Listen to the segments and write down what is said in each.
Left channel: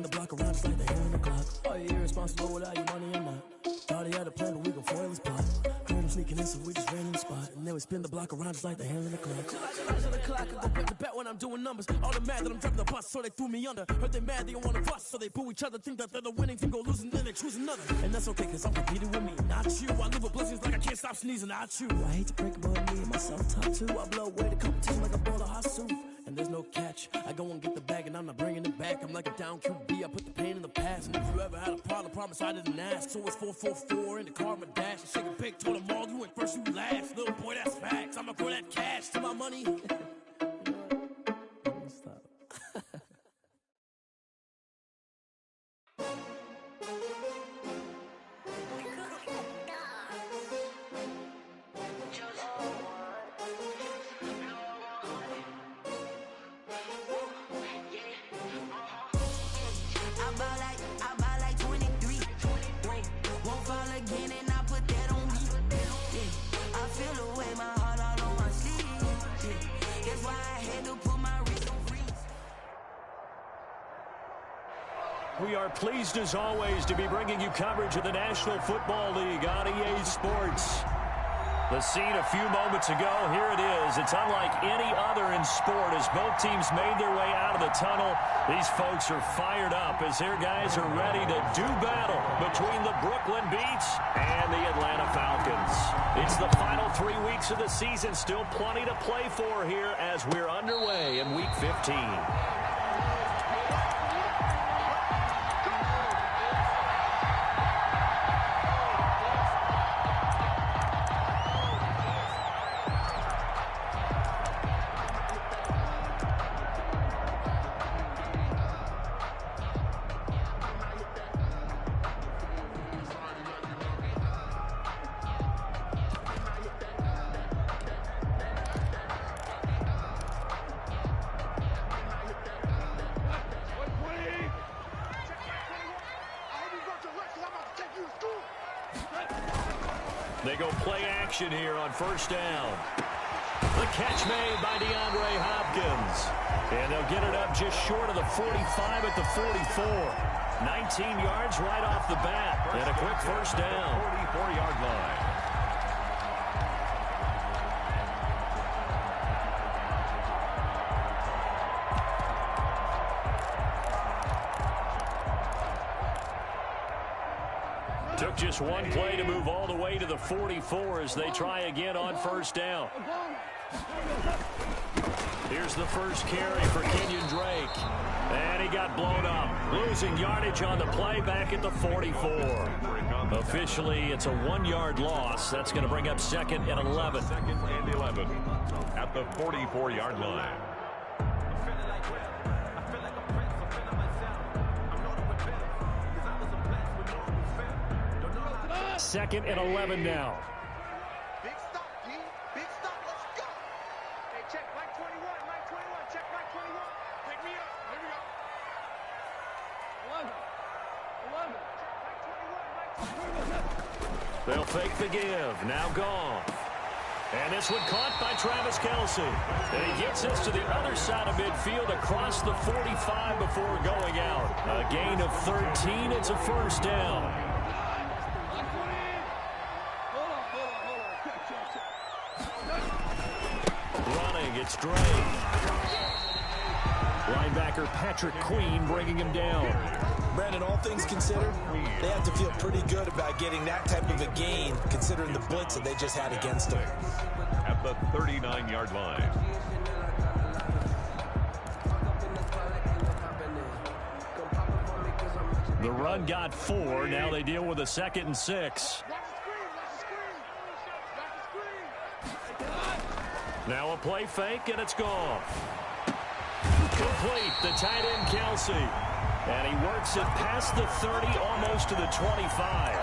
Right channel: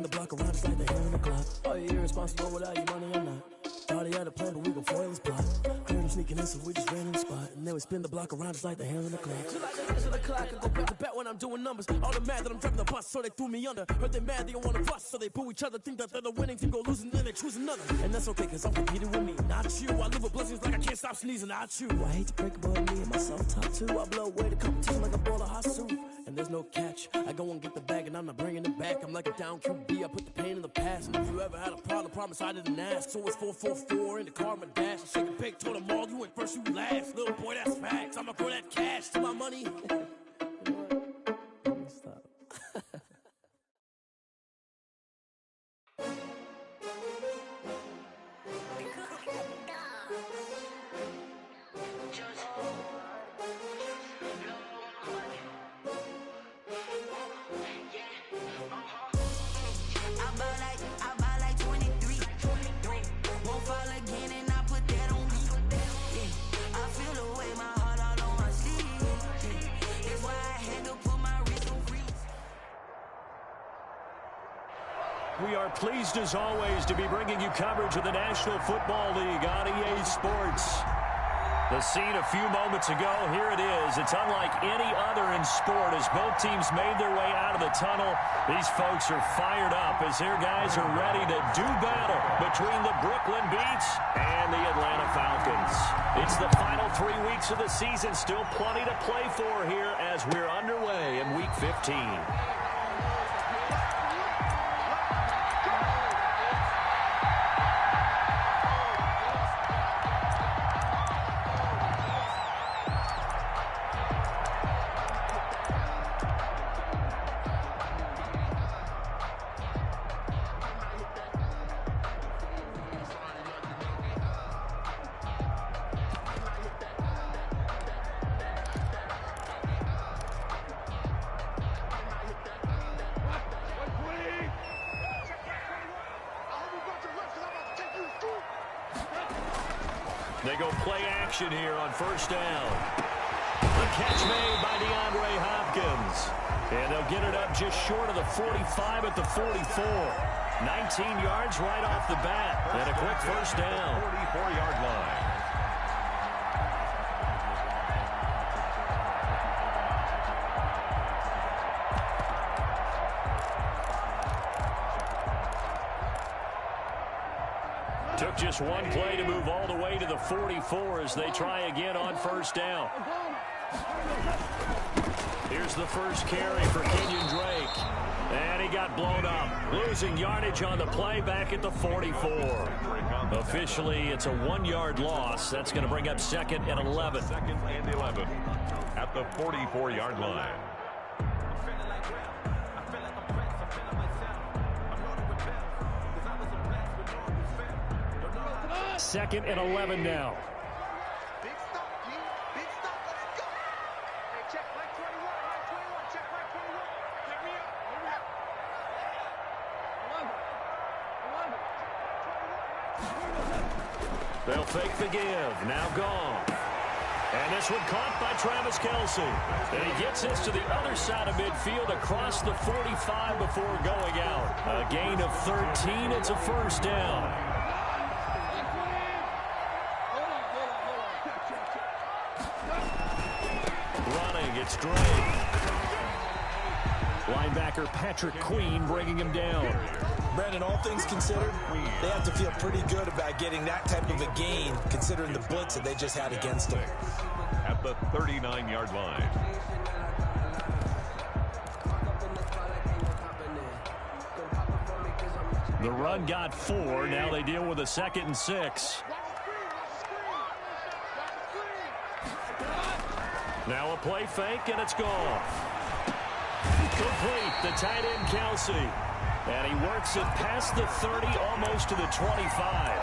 The block around just like the hands on the clock. Are you irresponsible without your money or not? Thought he had a plan, but we gon' foil his plot. Heard him sneaking in, so we just ran in the spot. And then we spin the block around just like the hands on the clock. Just like the hands on the clock, I go back to back when I'm doing numbers. All the mad that I'm dropping the bus, so they threw me under. Heard they mad, they don't wanna bust, so they boo each other. Think that they're the winning team, go losing, then they choose another. And that's okay, cause I'm competing with me, not you. I live with blessings like I can't stop sneezing, not you. I hate to break it, but me and myself top two. I blow away the competition like a ball of hot soup. And there's no catch. I go and get the bag and I'm not bringing it back. I'm like a down QB, I put the pain in the past. And if you ever had a problem, promise I didn't ask. So it's 4-4-4 in the car, my dash. I shake a big, told them all, you went first, you last. Little boy, that's facts. I'ma grow that cash to my money. You know what? Let me stop. Again and I put that on me. Yeah, I feel the way my heart all on my sleeve. Yeah, that's why I had to put my wrist on freeze. We are pleased as always to be bringing you coverage of the National Football League on EA Sports. The scene a few moments ago, here it is. It's unlike any other in sport as both teams made their way out of the tunnel. These folks are fired up as their guys are ready to do battle between the Brooklyn Beats and the Atlanta Falcons. It's the final 3 weeks of the season, still plenty to play for here as we're underway in Week 15. They go play action here on first down. The catch made by DeAndre Hopkins. And they'll get it up just short of the 45 at the 44. 19 yards right off the bat. And a quick first down. 44-yard line. Took just one play to move all the way to the 44 as they try again on first down. Here's the first carry for Kenyon Drake. And he got blown up. Losing yardage on the play back at the 44. Officially, it's a 1-yard loss. That's going to bring up second and 11. Second and 11 at the 44-yard line. Second and 11 now. Big stop, D. Big stop. Let's go. Hey, check Mike 21. Mike 21. Check Mike 21. Pick me up. Here we go. 11. Check Mike 21. Mike 21. They'll fake the give. Now gone. And this one caught by Travis Kelce. And he gets this to the other side of midfield across the 45 before going out. A gain of 13. It's a first down. Running, it's Drake. Linebacker Patrick Queen bringing him down. Brandon, all things considered, they have to feel pretty good about getting that type of a gain, considering the blitz that they just had against them. At the 39-yard line. The run got 4. Now they deal with a 2nd and 6. Now a play fake, and it's gone. Complete, the tight end Kelce. And he works it past the 30, almost to the 25.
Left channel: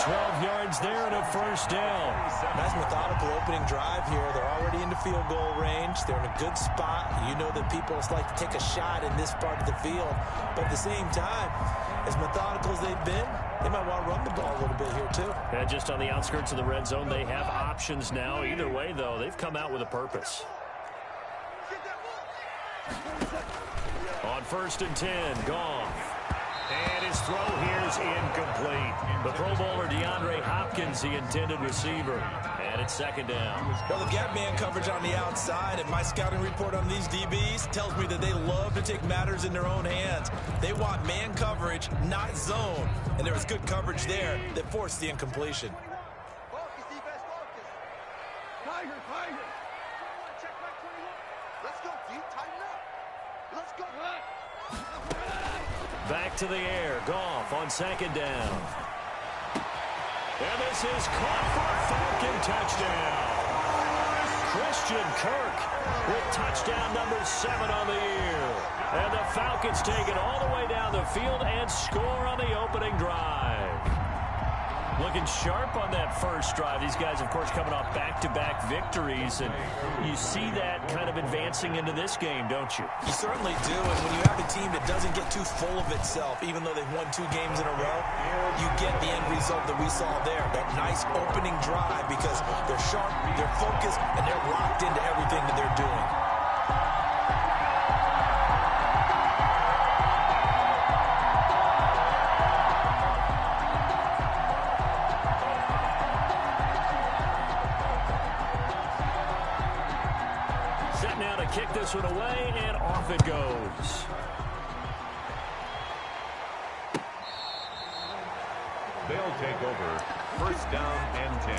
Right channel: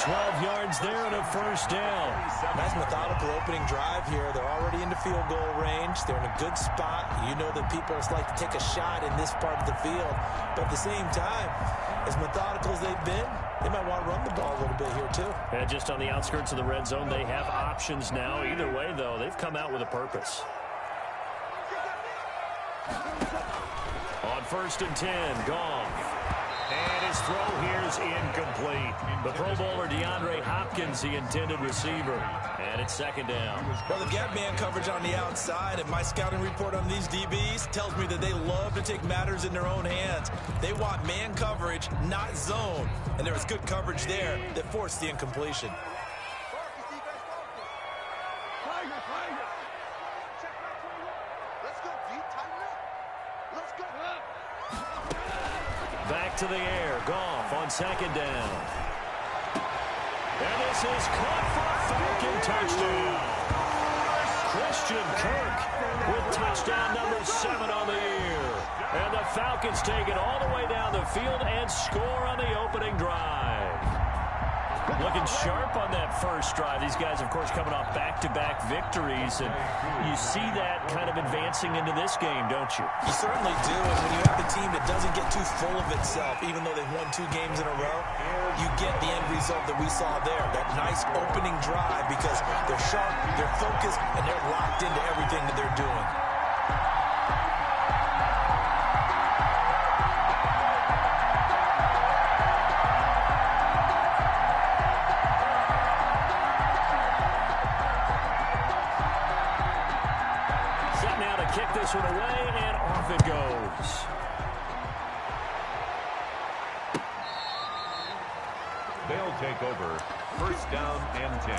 12 yards there and a first down. Nice methodical opening drive here. They're already into field goal range. They're in a good spot. You know that people like to take a shot in this part of the field. But at the same time, as methodical as they've been, they might want to run the ball a little bit here too. And just on the outskirts of the red zone, they have options now. Either way, though, they've come out with a purpose. On 1st and 10, Goff. throw here's incomplete. The Pro Bowler DeAndre Hopkins, the intended receiver. And it's second down. Well, they've got man coverage on the outside, and my scouting report on these DBs tells me that they love to take matters in their own hands. They want man coverage, not zone. And there was good coverage there that forced the incompletion. Focus, defense, focus. Tiger, Tiger. 21, check back 21. Let's go, D. Tighten up. Let's go. Back to the air. Goff on second down. And this is caught for a Falcon touchdown. Christian Kirk with touchdown number 7 on the year. And the Falcons take it all the way down the field and score on the opening drive. Looking sharp on that first drive. These guys, of course, coming off back-to-back victories. And you see that kind of advancing into this game, don't you? You certainly do. And when you have a team that doesn't get too full of itself, even though they've won 2 games in a row, you get the end result that we saw there. That nice opening drive because they're sharp, they're focused, and they're locked into everything that they're doing. Kick this one away, and off it goes. They'll take over first down and 10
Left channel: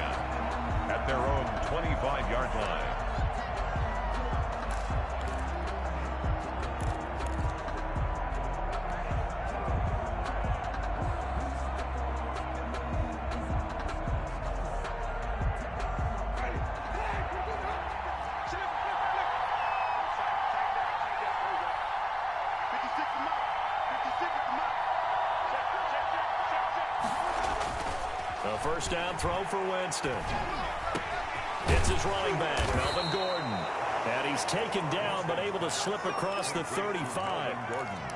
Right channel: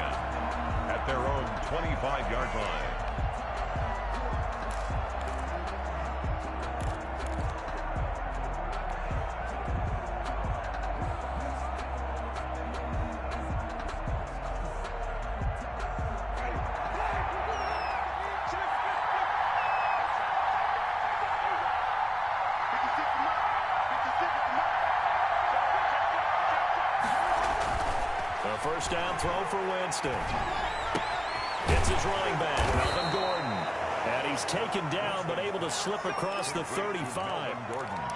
at their own 25-yard line. A first down throw for Winston. It's his running back, Melvin Gordon. And he's taken down, but able to slip across the 35.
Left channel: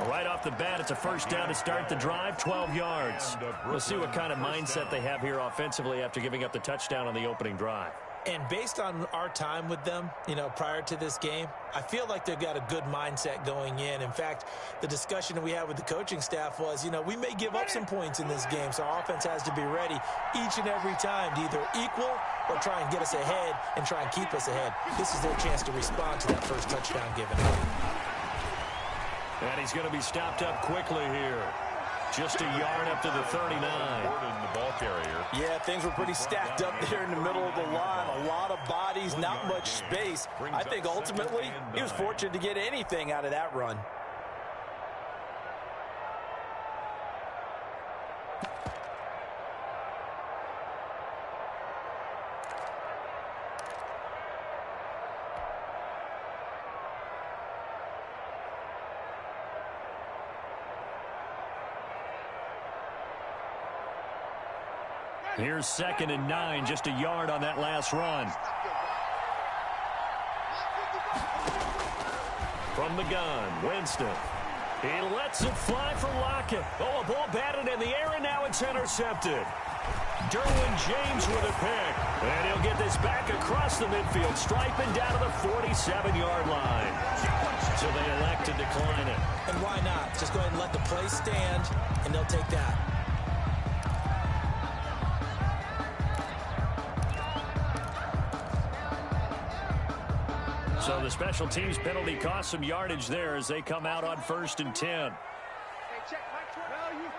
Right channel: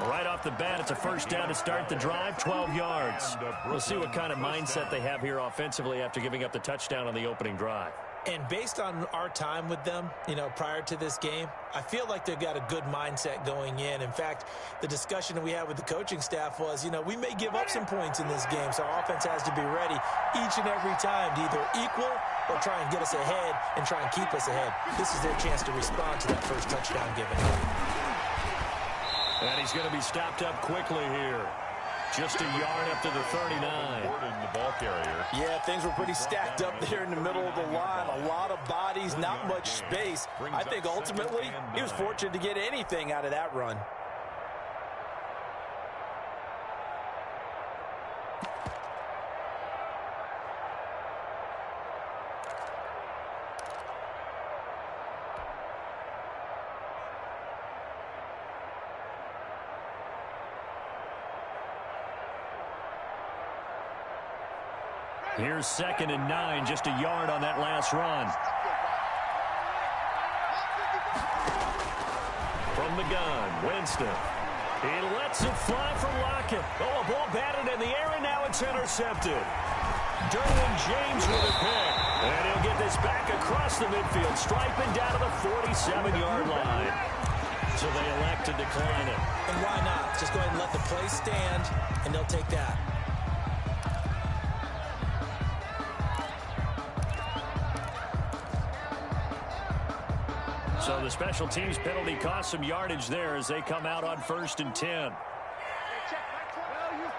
Right off the bat, it's a first down to start the drive, 12 yards. We'll see what kind of mindset they have here offensively after giving up the touchdown on the opening drive. And based on our time with them, prior to this game, I feel like they've got a good mindset going in. In fact, the discussion that we had with the coaching staff was, we may give up some points in this game, so our offense has to be ready each and every time to either equal or try and get us ahead and try and keep us ahead. This is their chance to respond to that first touchdown given up. And he's going to be stopped up quickly here. Just a yard up to the 39. Gordon, the ball carrier. Yeah, things were pretty stacked up there in the middle of the line. A lot of bodies, not much space. I think ultimately he was fortunate to get anything out of that run. Here's 2nd and 9, just a yard on that last run. From the gun, Winston. He lets it fly for Lockett. Oh, a ball batted in the air, and now it's intercepted. Derwin James with a pick. And he'll get this back across the midfield, striping down to the 47-yard line. So they elect to decline it. And why not? Just go ahead and let the play stand, and they'll take that. So the special teams penalty cost some yardage there as they come out on 1st and 10. Hey, check Mike 20. Value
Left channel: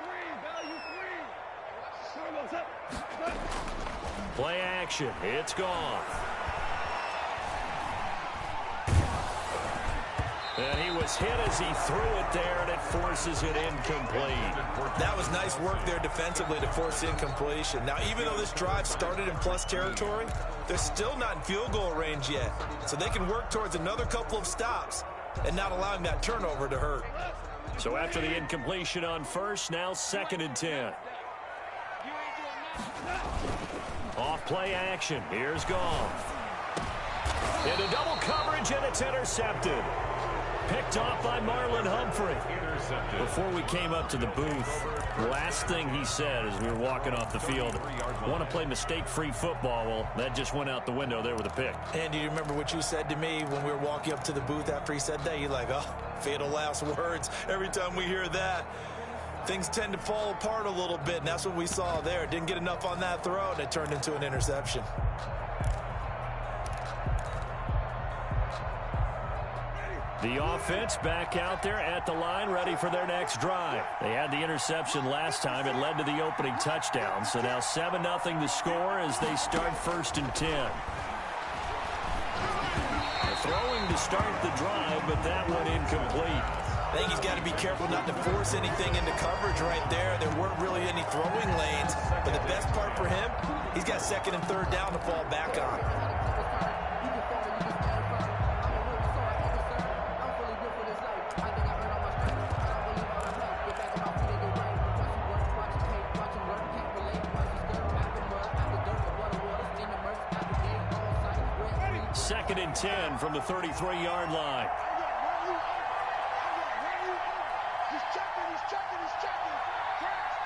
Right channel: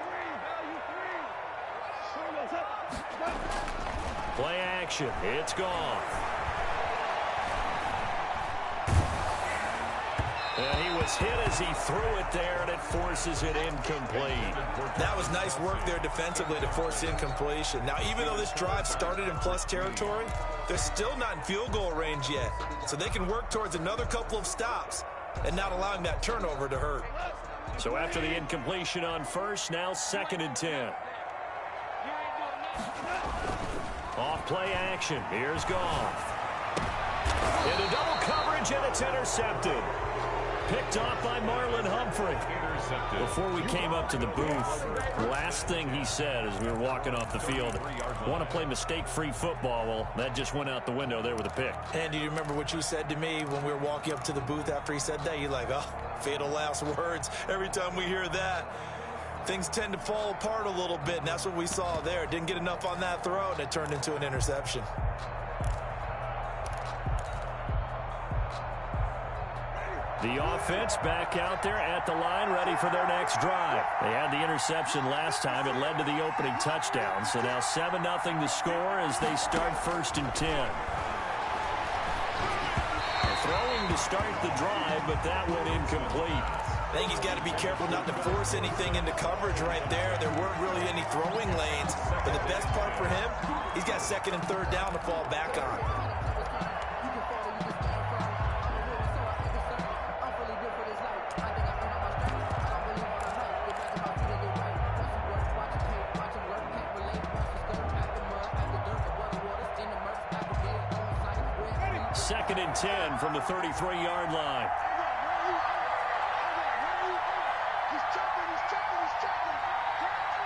3. Play action. It's gone. And he was hit as he threw it there, and it forces it incomplete. That was nice work there defensively to force incompletion. Now, even though this drive started in plus territory, they're still not in field goal range yet. So they can work towards another couple of stops and not allowing that turnover to hurt. So after the incompletion on 1st, now 2nd and 10. Off play action. Here's Goff. Into double coverage, and it's intercepted. Picked off by Marlon Humphrey. Intercepted. Before we came up to the booth, last thing he said as we were walking off the field, want to play mistake-free football. Well, that just went out the window there with a pick. And do you remember what you said to me when we were walking up to the booth after he said that? You're like, oh, fatal last words every time we hear that. things tend to fall apart a little bit, and that's what we saw there. Didn't get enough on that throw, and it turned into an interception. The offense back out there at the line, ready for their next drive. They had the interception last time. It led to the opening touchdown. So now 7-0 the score as they start 1st and 10. Throwing to start the drive, but that went incomplete. I think he's got to be careful not to force anything into coverage right there. There weren't really any throwing lanes, but the best part for him, he's got 2nd and 3rd down to fall back on. Second and 10 from the 33-yard line. He's checking. Cracks.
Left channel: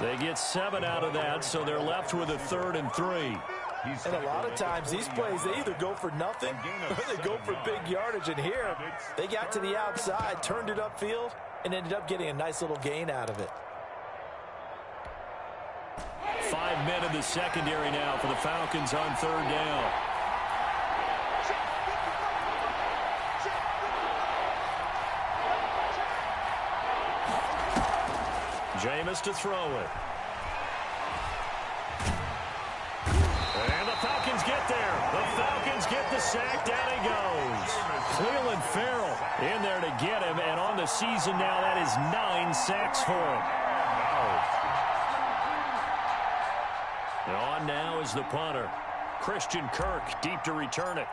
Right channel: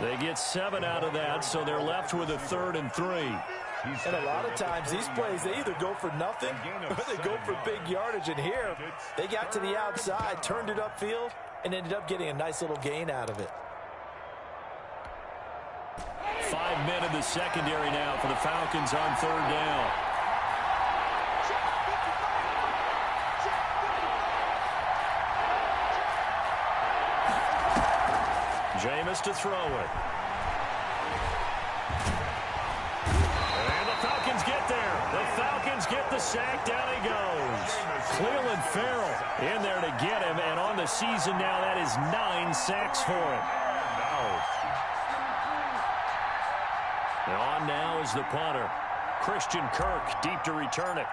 They get 7 out of that, so they're left with a 3rd and 3. And a lot of times these plays, they either go for nothing or they go for big yardage. And here, they got to the outside, turned it upfield, and ended up getting a nice little gain out of it. 5 men in the secondary now for the Falcons on 3rd down. Jameis to throw it. And the Falcons get there. The Falcons get the sack. Down he goes. Cleveland Farrell in there to get him. And on the season now, that is 9 sacks for him. And on now is the punter, Christian Kirk, deep to return it.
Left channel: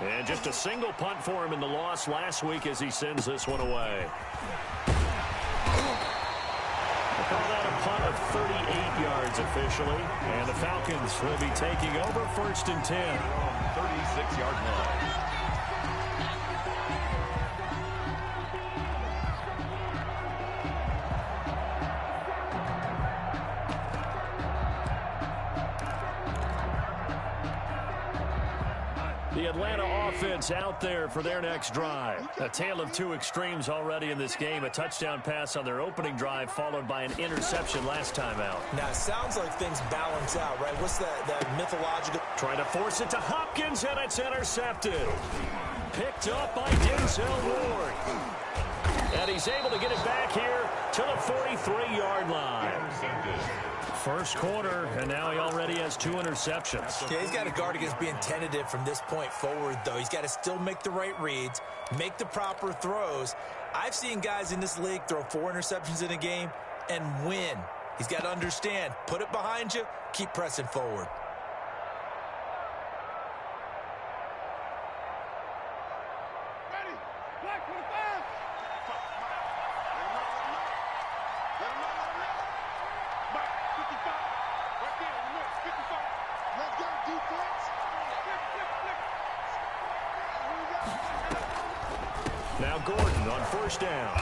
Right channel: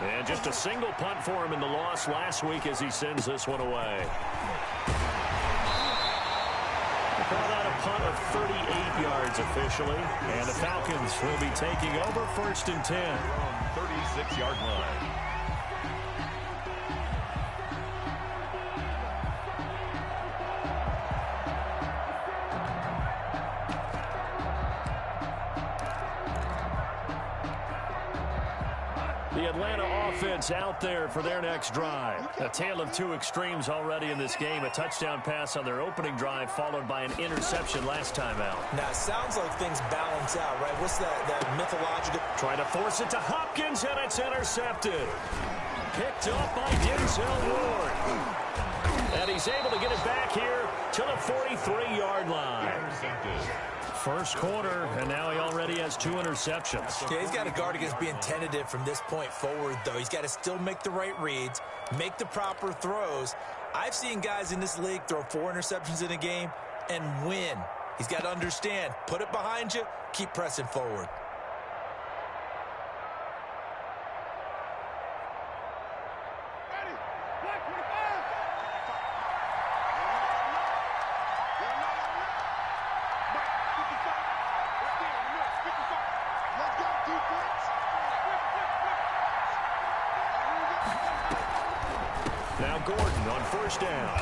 And just a single punt for him in the loss last week as he sends this one away. They call that a punt of 38 yards officially. And the Falcons will be taking over 1st and 10. 36-yard line. The Atlanta offense out there for their next drive. A tale of two extremes already in this game. A touchdown pass on their opening drive followed by an interception last time out. Now, it sounds like things balance out, right? What's that mythological? Trying to force it to Hopkins, and it's intercepted. Picked up by Denzel Ward. And he's able to get it back here to the 43-yard line. First quarter, and now he already has 2 interceptions. Yeah, he's got to guard against being tentative from this point forward, though. He's got to still make the right reads, make the proper throws. I've seen guys in this league throw 4 interceptions in a game and win. He's got to understand, put it behind you, keep pressing forward. Ready. Black 25. Let him know. Mike, 55. Right there in the middle. 55. Let's go, defense. Flip. Now Gordon on first down.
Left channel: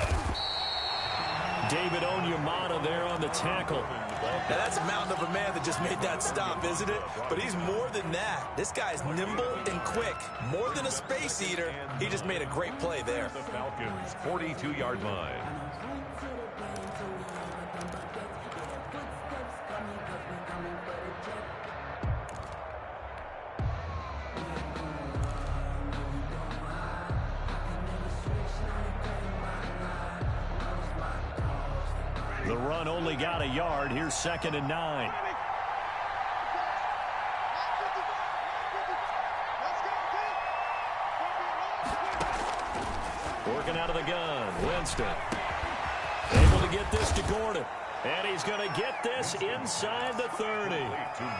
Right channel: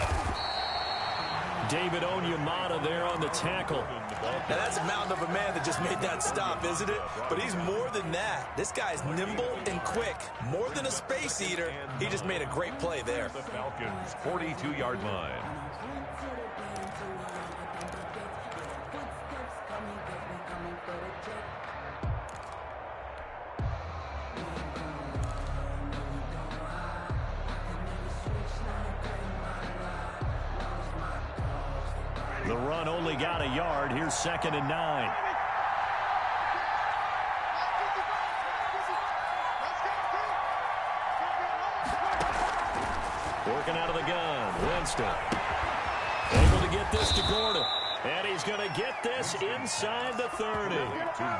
David Onyemata there on the tackle. Now, that's a mountain of a man that just made that stop, isn't it? But he's more than that. This guy's nimble and quick. More than a space eater. He just made a great play there. The Falcons' 42-yard line. The run only got a yard. Here's 2nd and 9. Working out of the gun. Winston. Able to get this to Gordon. And he's going to get this inside the 30.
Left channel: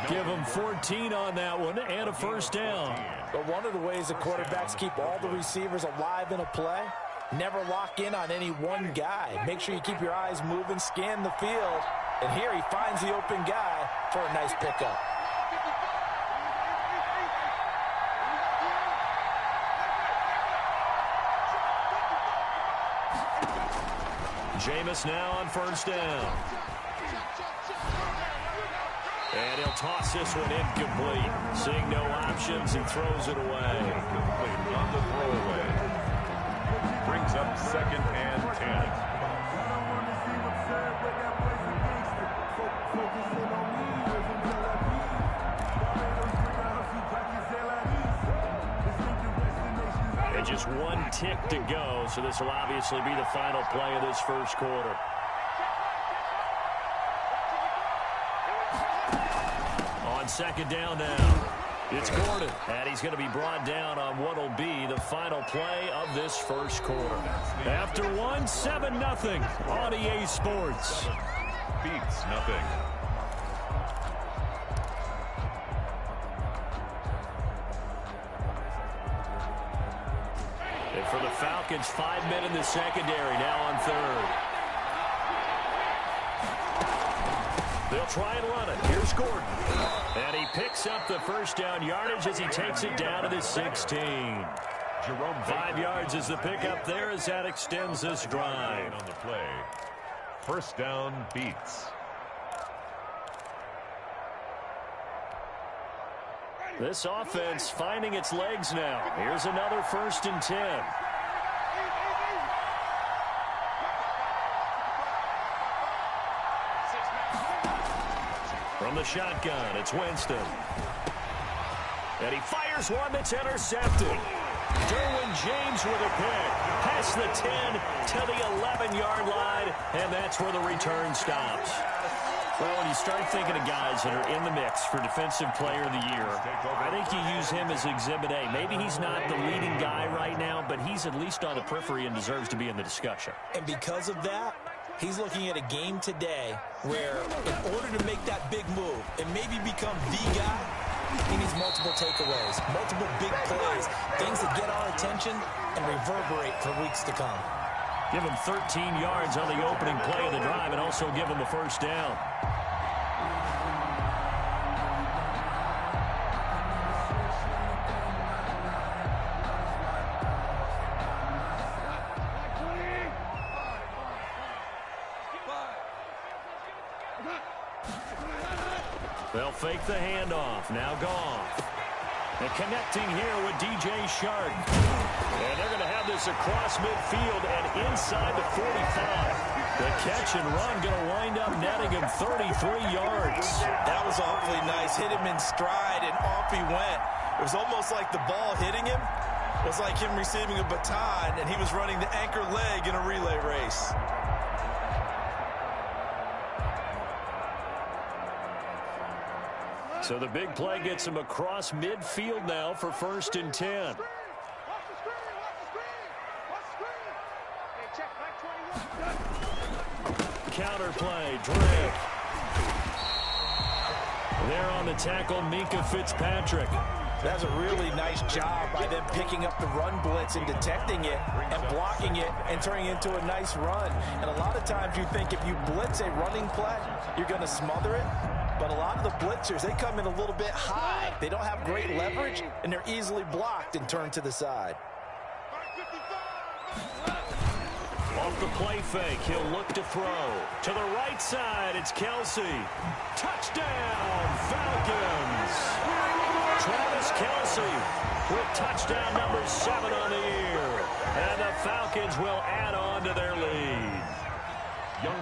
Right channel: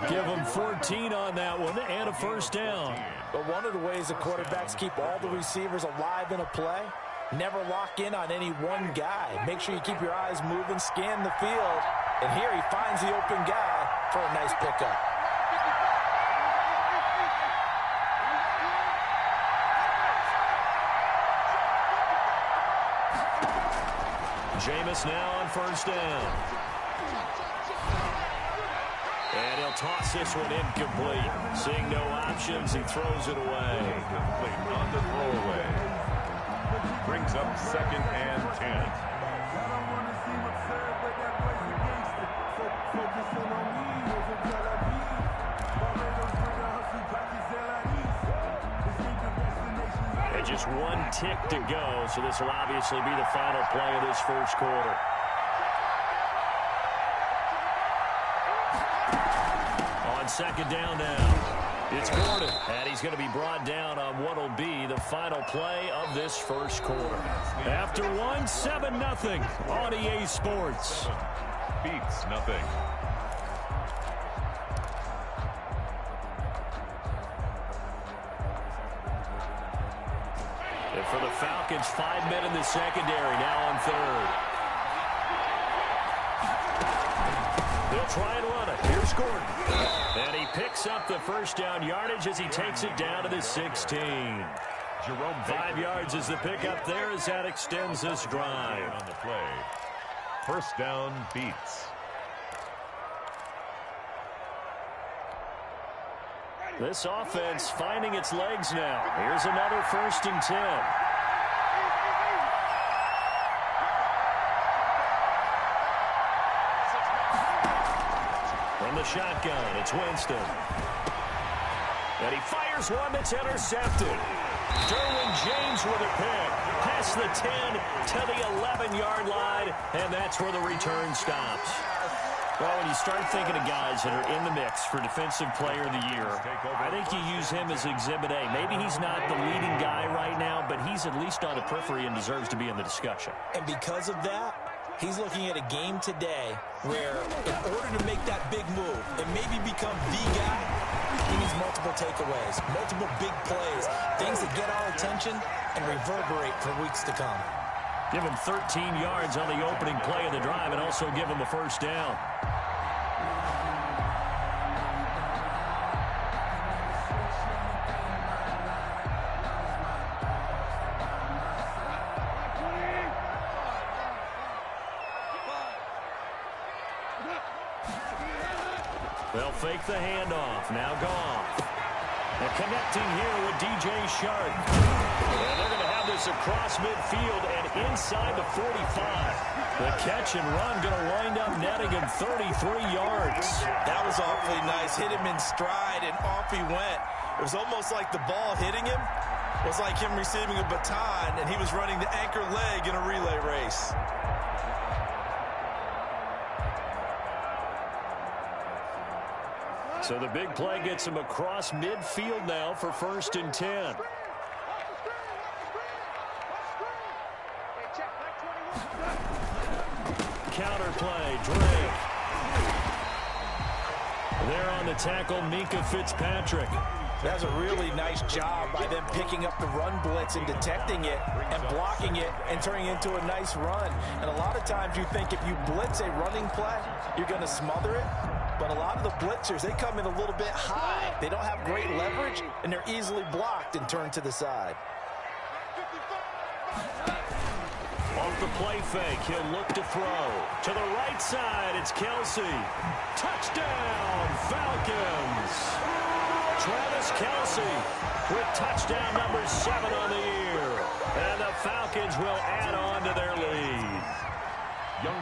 Give him 14 on that one and a first down. But one of the ways the quarterbacks keep all the receivers alive in a play, never lock in on any one guy. Make sure you keep your eyes moving, scan the field. And here he finds the open guy for a nice pickup. Jameis now on first down. They'll toss this one incomplete. Seeing no options, he throws it away. Incomplete on the throwaway. Brings up 2nd and 10. And just one tick to go, so this will obviously be the final play of this first quarter. On 2nd down now, it's Gordon, and he's going to be brought down on what will be the final play of this first quarter. After one, 7-0 on EA Sports. Beats nothing. And for the Falcons, 5 men in the secondary, now on 3rd. They'll try and run it. Here's Gordon. And he picks up the first down yardage as he takes it down to the 16. Jerome 5 yards is the pickup there as that extends this drive. On the play. First down, Beats. This offense finding its legs now. Here's another 1st and 10. From the shotgun, it's Winston. And he fires one that's intercepted. Derwin James with a pick. Past the 10 to the 11-yard line, and that's where the return stops. Well, when you start thinking of guys that are in the mix for Defensive Player of the Year, I think you use him as Exhibit A. Maybe he's not the leading guy right now, but he's at least on the periphery and deserves to be in the discussion. And because of that, he's looking at a game today where in order to make that big move and maybe become the guy, he needs multiple takeaways, multiple big plays, things that get our attention and reverberate for weeks to come. Give him 13 yards on the opening play of the drive and also give him a first down. They'll fake the handoff. Now Goff. And connecting here with DJ Shark. And they're going to have this across midfield and inside the 45. The catch and run going to wind up netting him 33 yards. That was awfully nice. Hit him in stride, and off he went. It was almost like the ball hitting him was like him receiving a baton, and he was running the anchor leg in a relay race. So the big play gets him across midfield now for 1st and 10. Counter play, Drake. There on the tackle, Minka Fitzpatrick. That's a really nice job by them picking up the run blitz and detecting it and blocking it and turning it into a nice run. And a lot of times you think if you blitz a running play, you're going to smother it. But a lot of the blitzers, they come in a little bit high. They don't have great leverage, and they're easily blocked and turned to the side. Off the play fake, he'll look to throw. To the right side, it's Kelsey. Touchdown, Falcons. Travis Kelsey with touchdown number 7 on the year. And the Falcons will add on to their lead.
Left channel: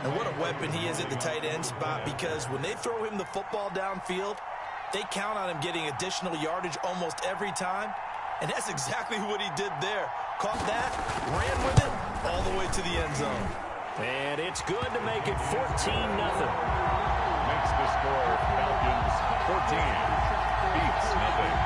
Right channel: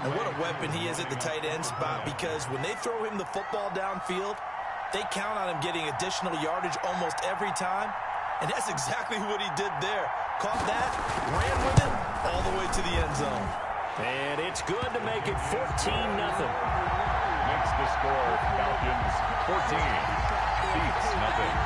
And what a weapon he is at the tight end spot, because when they throw him the football downfield, they count on him getting additional yardage almost every time. And that's exactly what he did there. Caught that, ran with it, all the way to the end zone. And it's good to make it 14-0. Makes the score Falcons 14. Beats nothing.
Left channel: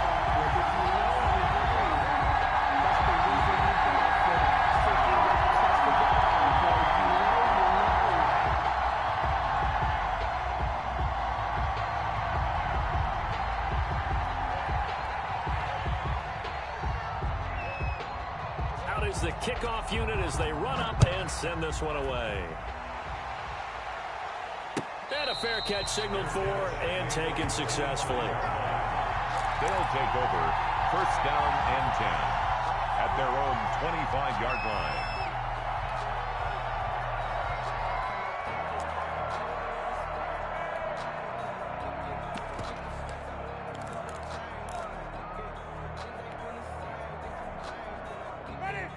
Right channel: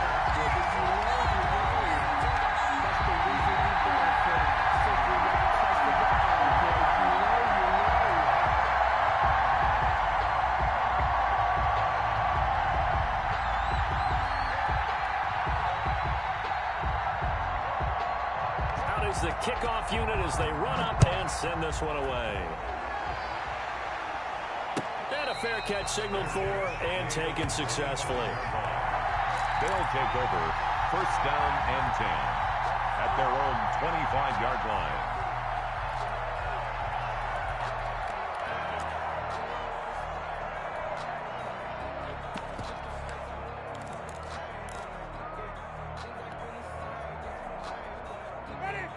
The kickoff unit as they run up and send this one away. And a fair catch signaled for and taken successfully. They'll take over 1st down and 10 at their own 25-yard line.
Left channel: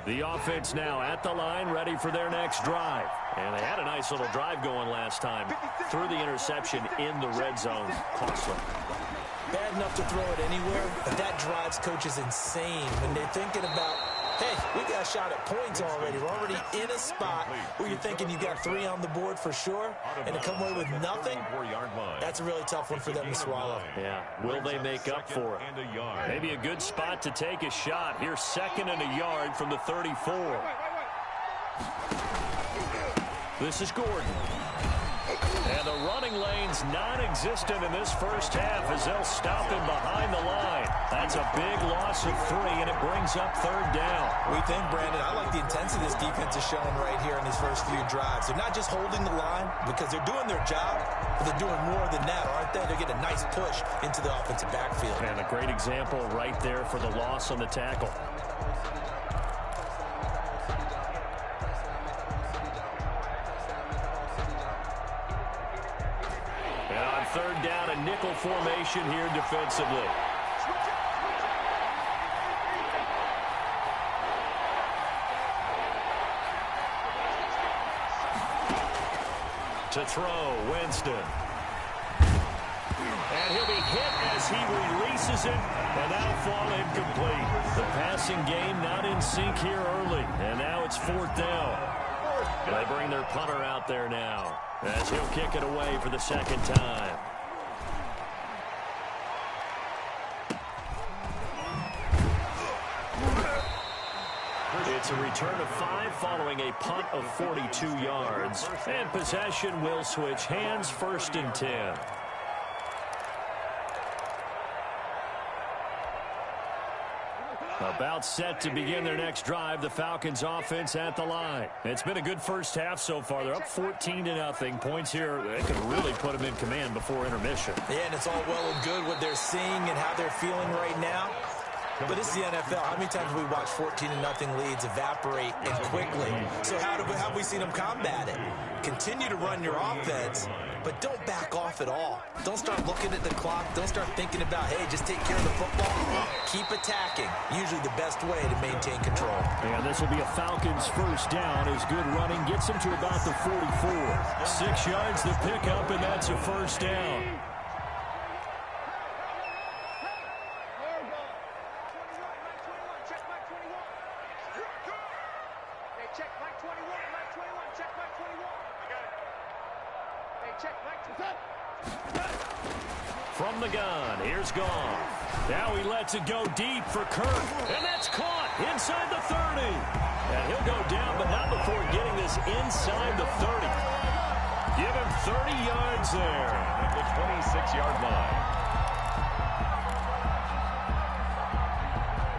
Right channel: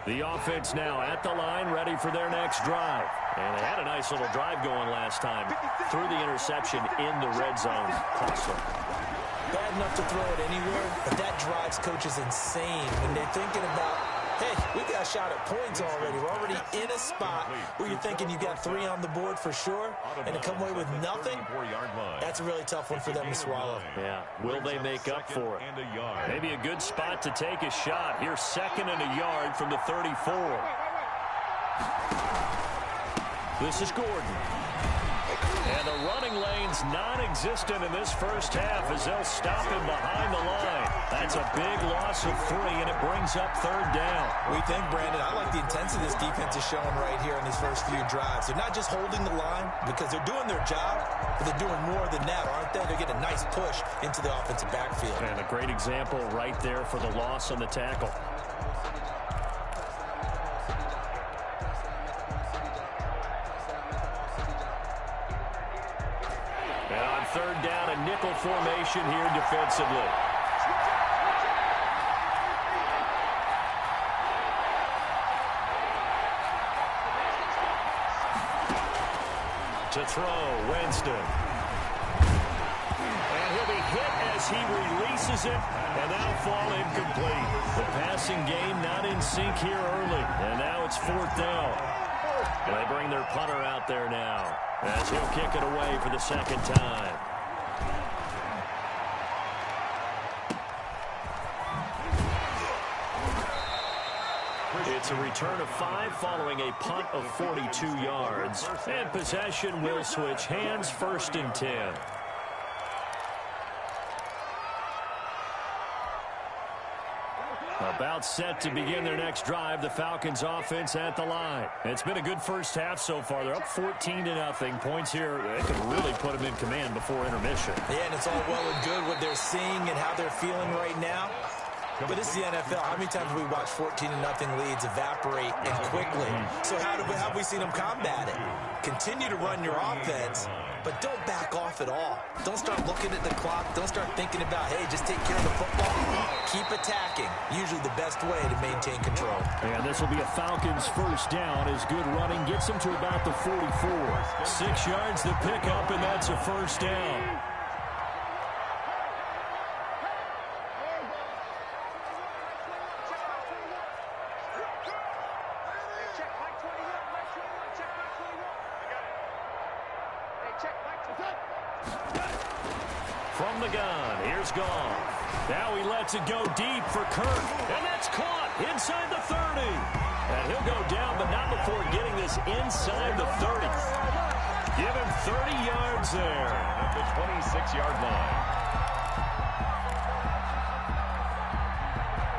The offense now at the line, ready for their next drive. And they had a nice little drive going last time. Threw the interception in the red zone. Costly. Bad enough to throw it anywhere, but that drives coaches insane when they're thinking about, hey, we got a shot at points already. We're already in a spot where you're thinking you got 3 on the board for sure, and to come away with nothing, that's a really tough one for them to swallow. Yeah, will they make up for it? Maybe a good spot to take a shot. Here's 2nd and a yard from the 34. This is Gordon. And the running lane's non-existent in this first half as they'll stop him behind the line. That's a big loss of 3, and it brings up 3rd down. We think, Brandon, I like the intensity this defense is showing right here in these first few drives. They're not just holding the line because they're doing their job, but they're doing more than that, aren't they? They're getting a nice push into the offensive backfield. And a great example right there for the loss on the tackle. And on 3rd down, a nickel formation here defensively. To throw, Winston. And he'll be hit as he releases it, and that'll fall incomplete. The passing game not in sync here early, and now it's 4th down. They bring their punter out there now as he'll kick it away for the 2nd time. It's a return of 5 following a punt of 42 yards. And possession will switch hands, 1st and 10. About set to begin their next drive, the Falcons offense at the line. It's been a good first half so far. They're up 14-0. Points here, they could really put them in command before intermission. Yeah, and it's all well and good what they're seeing and how they're feeling right now. But this is the NFL. How many times have we watched 14-0 leads evaporate and quickly? So how have we seen them combat it? Continue to run your offense, but don't back off at all. Don't start looking at the clock. Don't start thinking about, hey, just take care of the football. Keep attacking. Usually the best way to maintain control. And this will be a Falcons 1st down as good running gets them to about the 44. 6 yards the pickup, and that's a 1st down. From the gun, here's Goff. Now he lets it go deep for Kirk, and that's caught inside the 30. And he'll go down, but not before getting this inside the 30. Give him 30 yards there. At the 26-yard line.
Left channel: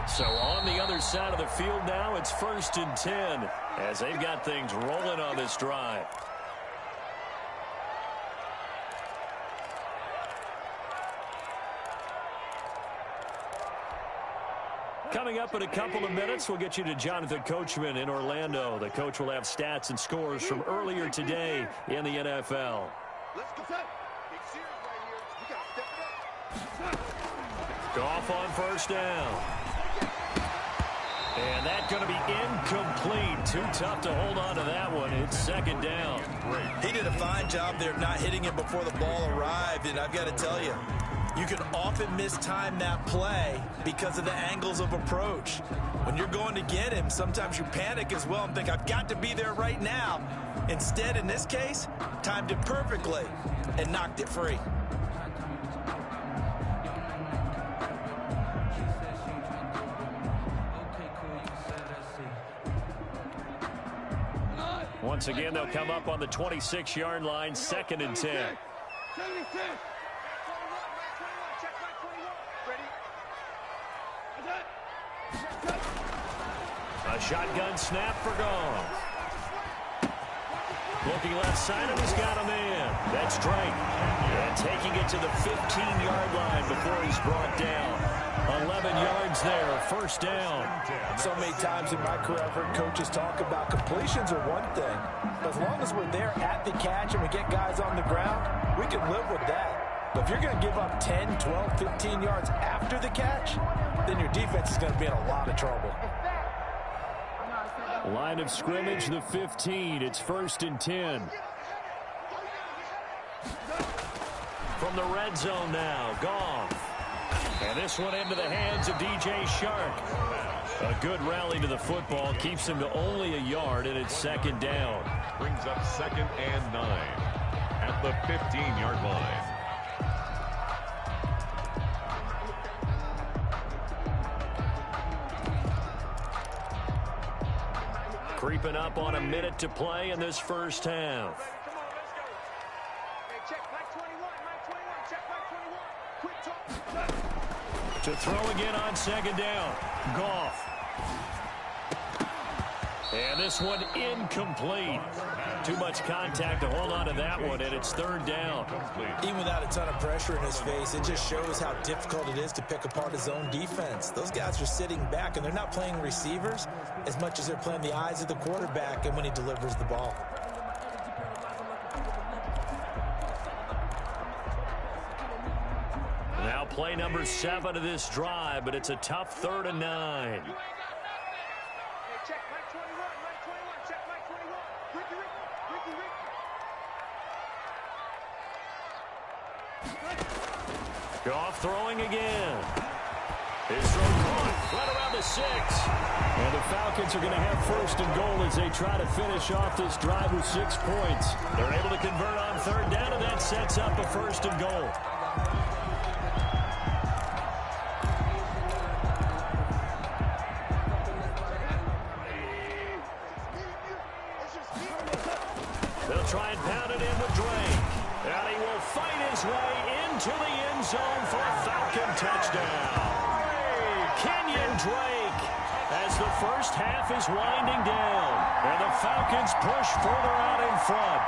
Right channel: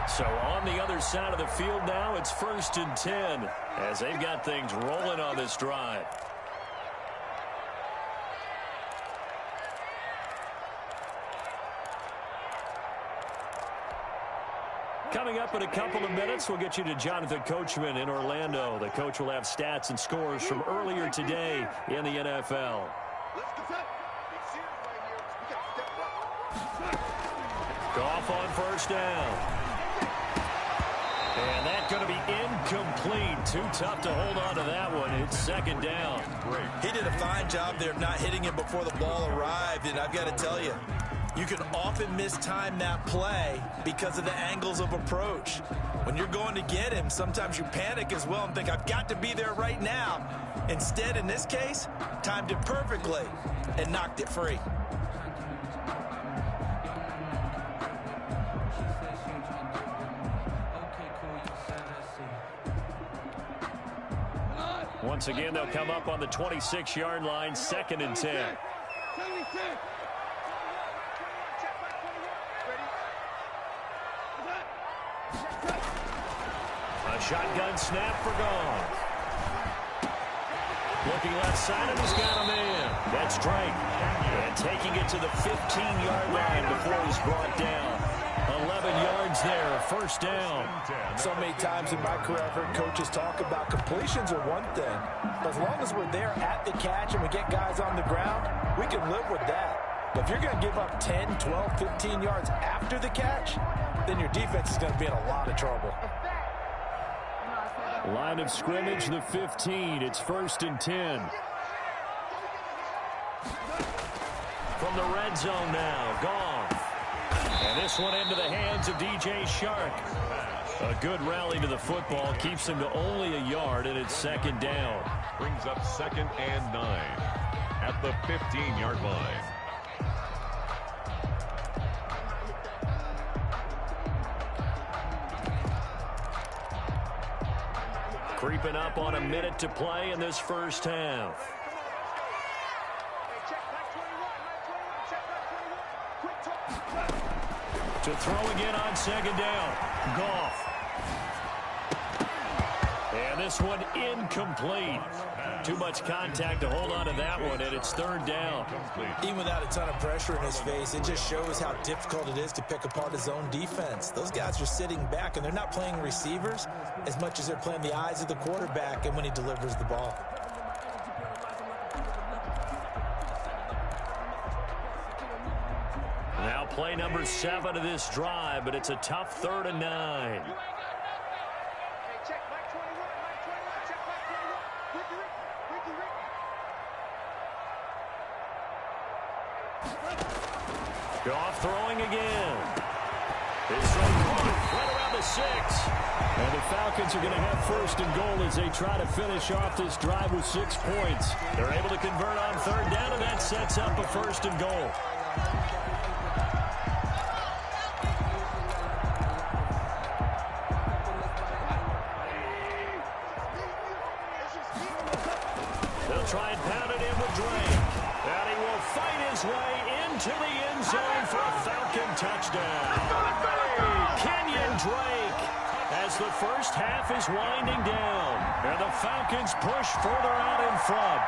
So on the other side of the field now, it's 1st and 10 as they've got things rolling on this drive. Coming up in a couple of minutes, we'll get you to Jonathan Coachman in Orlando. The coach will have stats and scores from earlier today in the NFL. Let's go. Big series right here. We got to step it up. Goff on 1st down. And that's going to be incomplete. Too tough to hold on to that one. It's 2nd down. He did a fine job there of not hitting it before the ball arrived, and I've got to tell you, you can often mistime that play because of the angles of approach. When you're going to get him, sometimes you panic as well and think, I've got to be there right now. Instead, in this case, timed it perfectly and knocked it free. Once again, they'll come up on the 26-yard line, 2nd and 10. 76. A shotgun snap for Goff. Looking left side, and he's got a man. That's Drake. And taking it to the 15-yard line before he's brought down. 11 yards there, 1st down. So many times in my career, I've heard coaches talk about completions are one thing. But as long as we're there at the catch and we get guys on the ground, we can live with that. But if you're going to give up 10, 12, 15 yards after the catch, then your defense is going to be in a lot of trouble. Line of scrimmage, the 15. It's 1st and 10. From the red zone now, Goff. And this one into the hands of DJ Shark. A good rally to the football keeps him to only a yard, and it's 2nd down. Brings up 2nd and 9 at the 15-yard line. Creeping up on a minute to play in this first half. To throw again on 2nd down. Goff. And this one incomplete. Too much contact to hold on to that one, and it's 3rd down. Even without a ton of pressure in his face, it just shows how difficult it is to pick apart his own defense. Those guys are sitting back, and they're not playing receivers as much as they're playing the eyes of the quarterback and when he delivers the ball. Now play number 7 of this drive, but it's a tough 3rd and 9. Goff throwing again. His throw caught right around the 6. And the Falcons are going to have 1st and goal as they try to finish off this drive with 6 points. They're able to convert on 3rd down, and that sets up a 1st and goal. They'll try and pound it in with Drake. And he will fight his way into the end zone for a Falcon touchdown. Kenyon Drake, as the first half is winding down. And the Falcons push further out in front.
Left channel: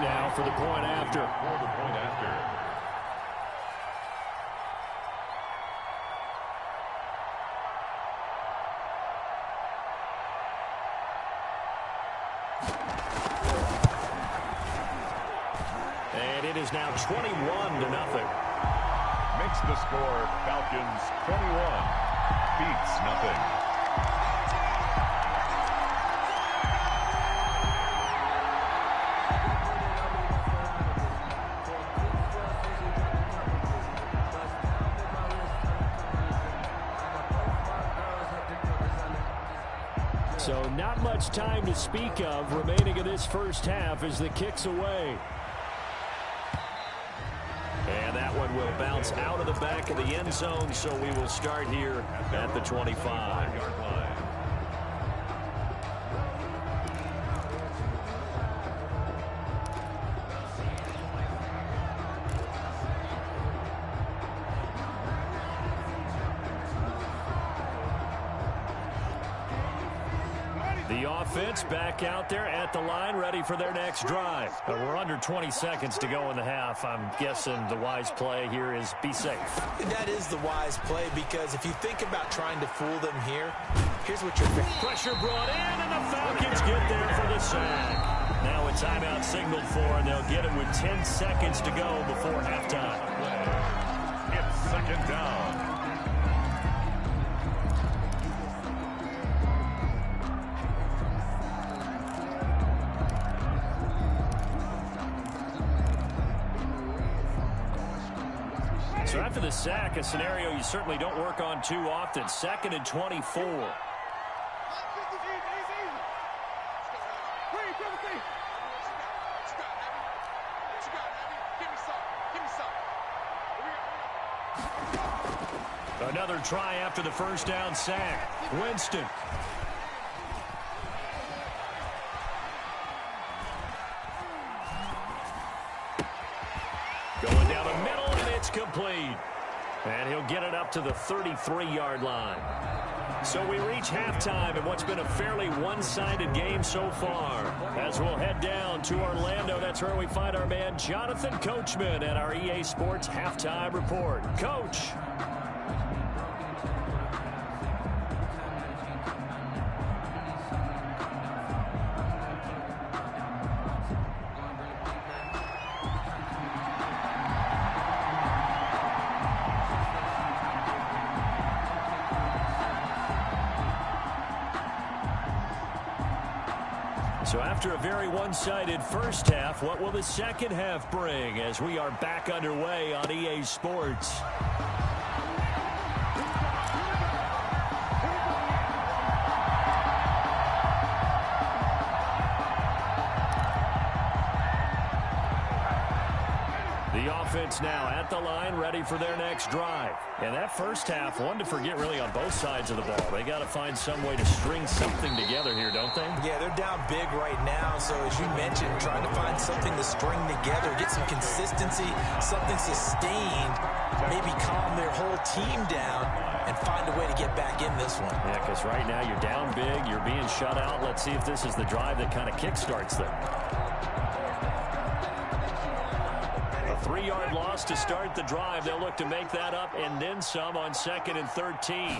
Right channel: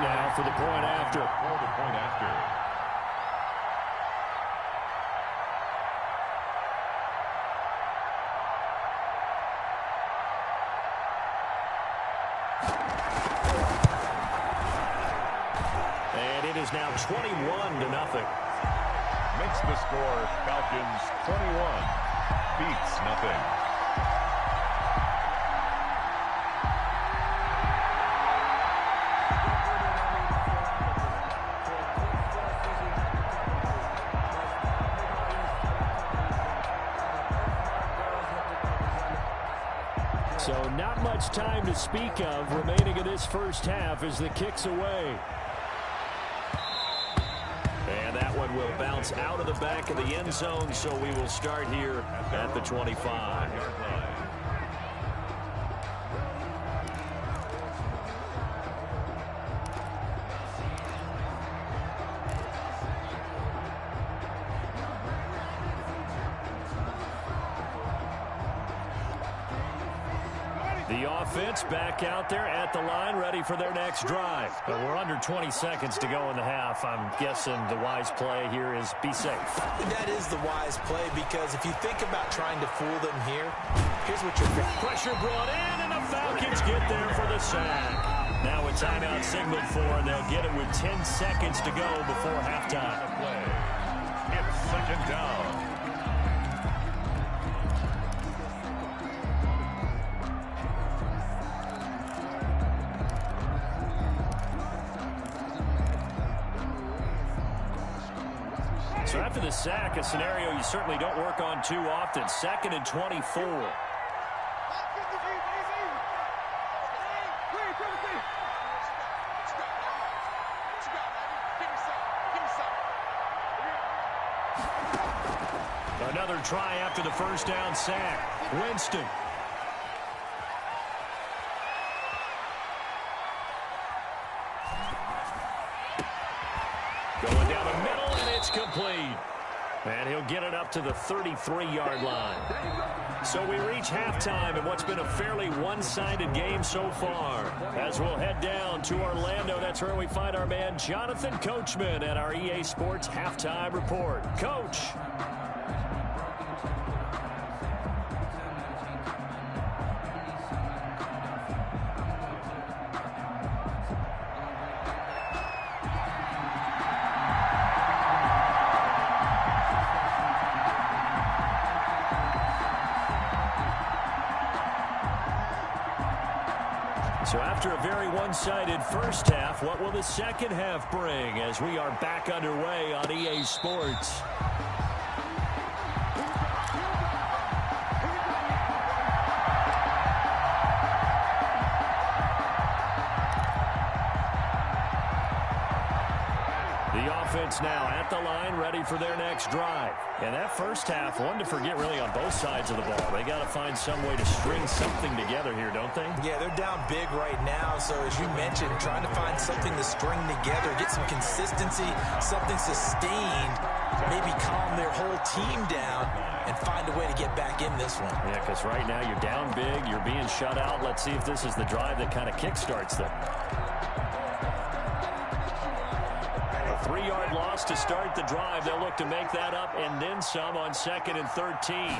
Now for the point after. And it is now 21-0. Makes the score Falcons 21. Beats nothing. So not much time to speak of remaining in this first half as the kick's away. And that one will bounce out of the back of the end zone, so we will start here at the 25-yard line. The offense back out there at the line, ready for their next drive. We're under 20 seconds to go in the half. I'm guessing the wise play here is be safe. That is the wise play, because if you think about trying to fool them here, here's what you're thinking. Pressure brought in, and the Falcons get there for the sack. Now a timeout signaled for, and they'll get it with 10 seconds to go before halftime. It's 2nd down. So after the sack, a scenario you certainly don't work on too often. 2nd and 24. Another try after the first down sack. Winston. Going down the middle, and it's complete. And he'll get it up to the 33-yard line. So we reach halftime in what's been a fairly one-sided game so far. As we'll head down to Orlando, that's where we find our man Jonathan Coachman at our EA Sports Halftime Report. Coach. So after a very one-sided first half, what will the second half bring as we are back underway on EA Sports? The offense now at the line, ready for their next drive. And that first half, one to forget really on both sides of the ball. They got to find some way to string something together here, don't they? Yeah, they're down big right now. So as you mentioned, trying to find something to string together, get some consistency, something sustained, maybe calm their whole team down and find a way to get back in this one. Yeah, because right now you're down big, you're being shut out. Let's see if this is the drive that kind of kickstarts them. 3-yard loss to start the drive. They'll look to make that up and then some on 2nd and 13.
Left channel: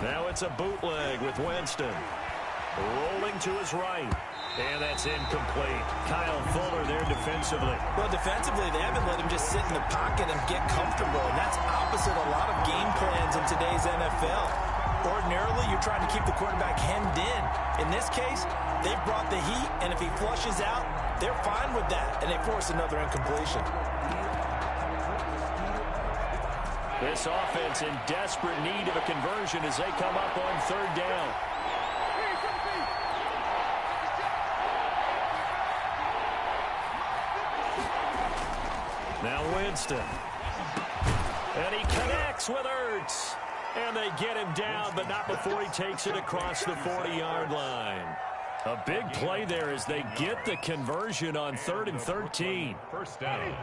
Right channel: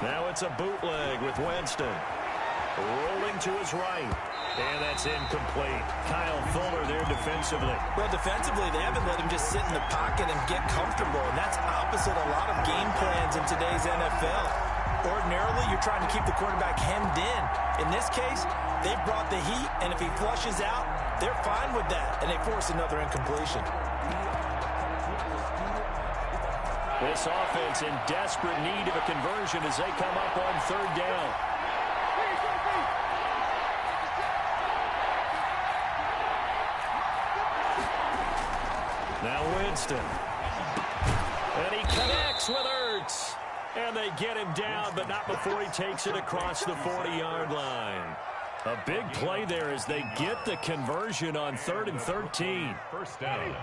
Now it's a bootleg with Winston. Rolling to his right. And that's incomplete. Kyle Fuller there defensively. Well, defensively, they haven't let him just sit in the pocket and get comfortable. And that's opposite a lot of game plans in today's NFL. Ordinarily, you're trying to keep the quarterback hemmed in. In this case, they've brought the heat, and if he flushes out, they're fine with that, and they force another incompletion. This offense in desperate need of a conversion as they come up on 3rd down. Now Winston. And he connects with Ertz. And they get him down, but not before he takes it across the 40-yard line. A big play there as they get the conversion on 3rd and 13. First down.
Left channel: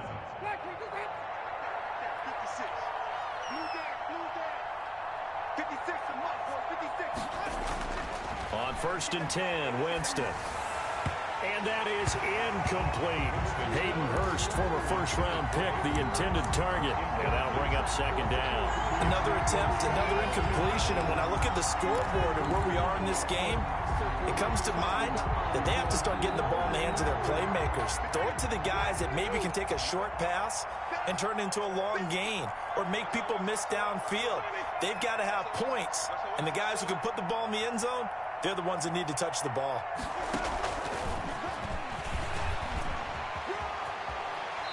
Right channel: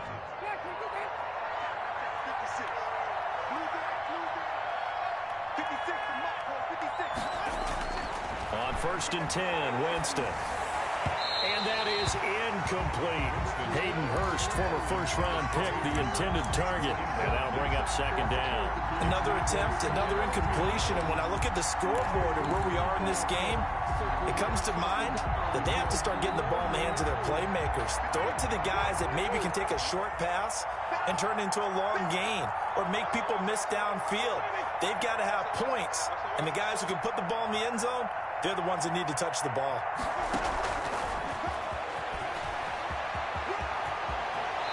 56 and Mark, boys, 56. On 1st and 10, Winston. And that is incomplete. Hayden Hurst, former first-round pick, the intended target. And that'll bring up 2nd down. Another attempt, another incompletion. And when I look at the scoreboard and where we are in this game, it comes to mind that they have to start getting the ball in the hands of their playmakers. Throw it to the guys that maybe can take a short pass and turn it into a long gain or make people miss downfield. They've got to have points. And the guys who can put the ball in the end zone, they're the ones that need to touch the ball.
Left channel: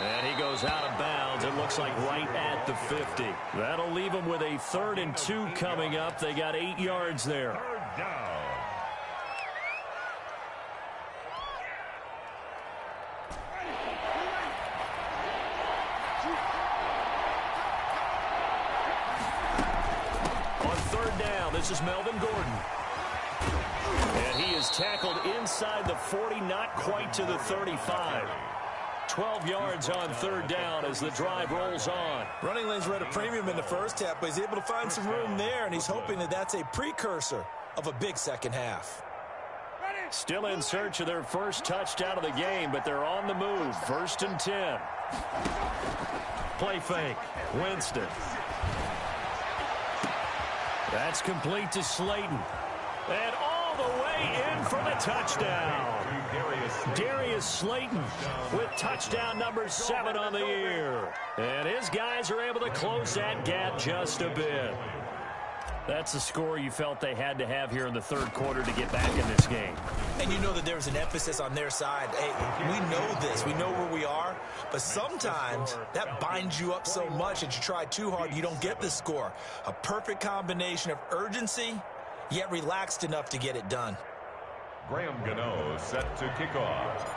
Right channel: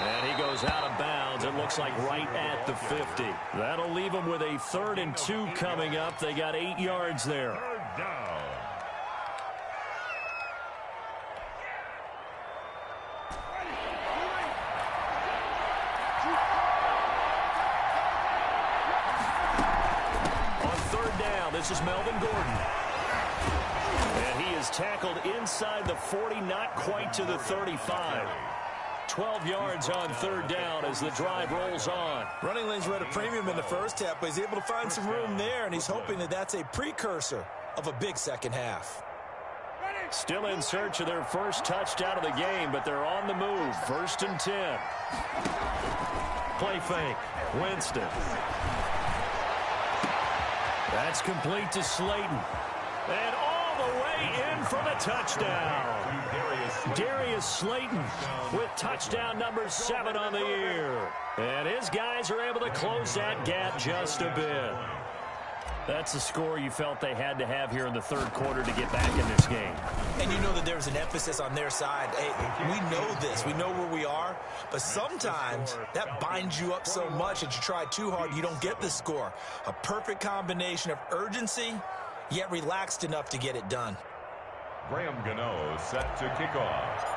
And he goes out of bounds. It looks like right at the 50. That'll leave him with a 3rd and 2 coming up. They got 8 yards there. 3rd down. On 3rd down, this is Melvin Gordon. And he is tackled inside the 40, not quite to the 35. 12 yards on 3rd down as the drive rolls on. Running lanes were at a premium in the first half, but he's able to find some room there, and he's hoping that that's a precursor of a big second half. Still in search of their first touchdown of the game, but they're on the move. 1st and 10. Play fake. Winston. That's complete to Slayton. And all the way in for the touchdown. Darius Slayton with touchdown number 7 on the year. And his guys are able to close that gap just a bit. That's the score you felt they had to have here in the 3rd quarter to get back in this game. And you know that there's an emphasis on their side. Hey, we know this. We know where we are. But sometimes that binds you up so much that you try too hard, you don't get the score. A perfect combination of urgency, yet relaxed enough to get it done. Graham Gano set to kick off.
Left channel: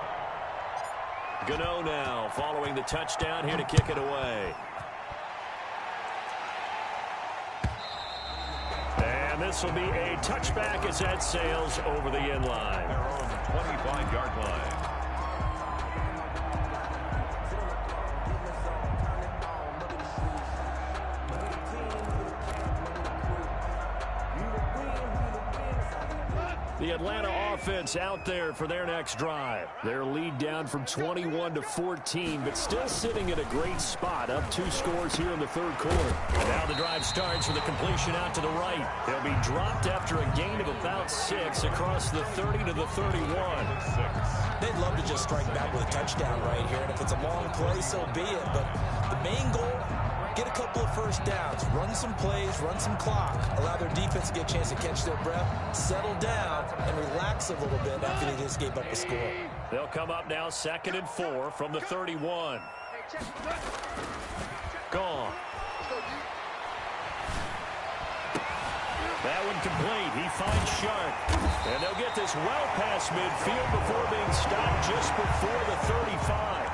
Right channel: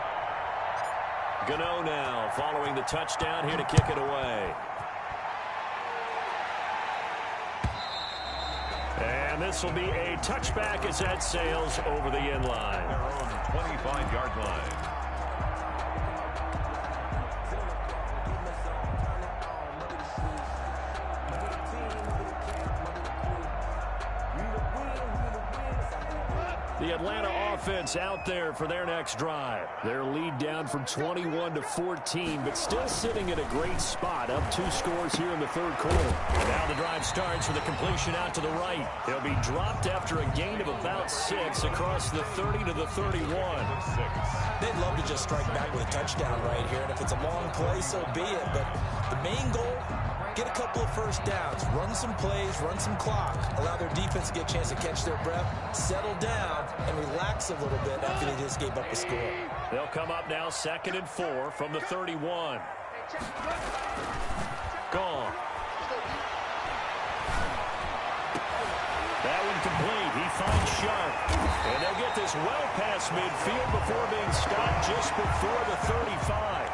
Gano now following the touchdown here to kick it away. And this will be a touchback as that sails over the end line. Their own 25-yard line. The Atlanta offense out there for their next drive. Their lead down from 21 to 14, but still sitting at a great spot, up 2 scores here in the 3rd quarter. Now the drive starts with a completion out to the right. They'll be dropped after a gain of about 6 across the 30 to the 31. They'd love to just strike back with a touchdown right here, and if it's a long play, so be it. But the main goal, get a couple of first downs, run some plays, run some clock, allow their defense to get a chance to catch their breath, settle down, and relax a little bit after they just gave up a score. They'll come up now 2nd and 4 from the 31. Gone. That one complete. He finds Sharp. And they'll get this well past midfield before being stopped just before the 35.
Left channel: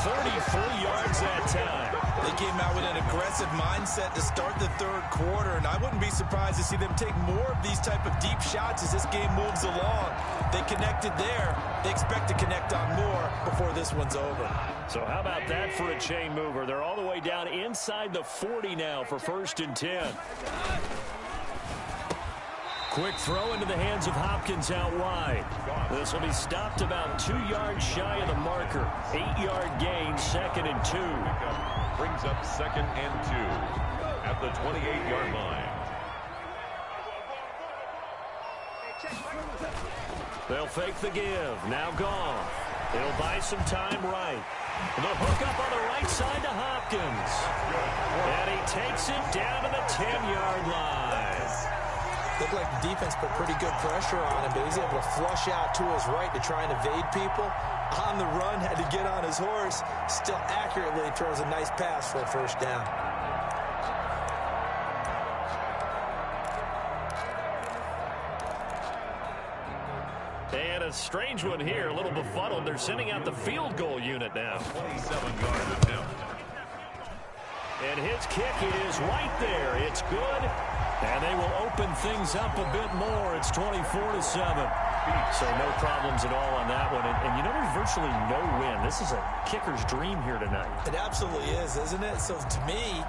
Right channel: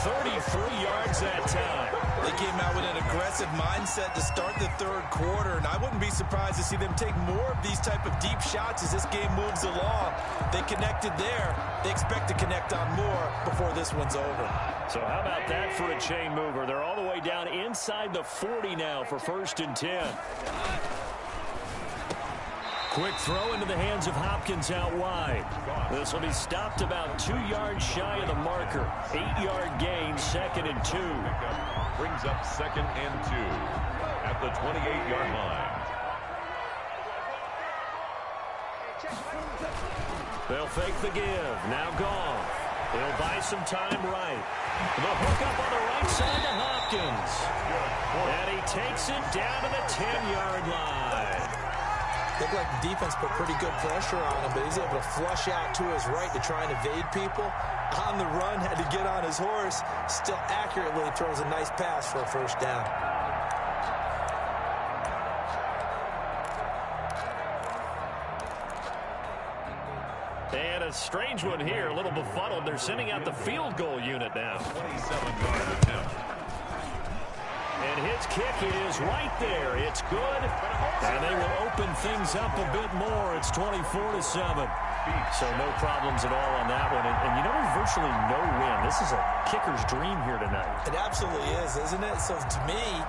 33 yards that time. They came out with an aggressive mindset to start the third quarter, and I wouldn't be surprised to see them take more of these type of deep shots as this game moves along. They connected there. They expect to connect on more before this one's over. So how about that for a chain mover? They're all the way down inside the 40 now for 1st and 10. Quick throw into the hands of Hopkins out wide. This will be stopped about 2 yards shy of the marker. 8-yard gain, 2nd and 2. Brings up 2nd and 2 at the 28-yard line. They'll fake the give. Now gone. It'll buy some time right. The hook up on the right side to Hopkins. And he takes it down to the 10-yard line. Looked like the defense put pretty good pressure on him, but he's able to flush out to his right to try and evade people. On the run, had to get on his horse. Still accurately throws a nice pass for a first down. And a strange one here, a little befuddled. They're sending out the field goal unit now. 27-yard attempt. And his kick is right there. It's good. And they will open things up a bit more. It's 24-7. So no problems at all on that one. And you know, there's virtually no win. This is a kicker's dream here tonight. It absolutely is, isn't it? So to me,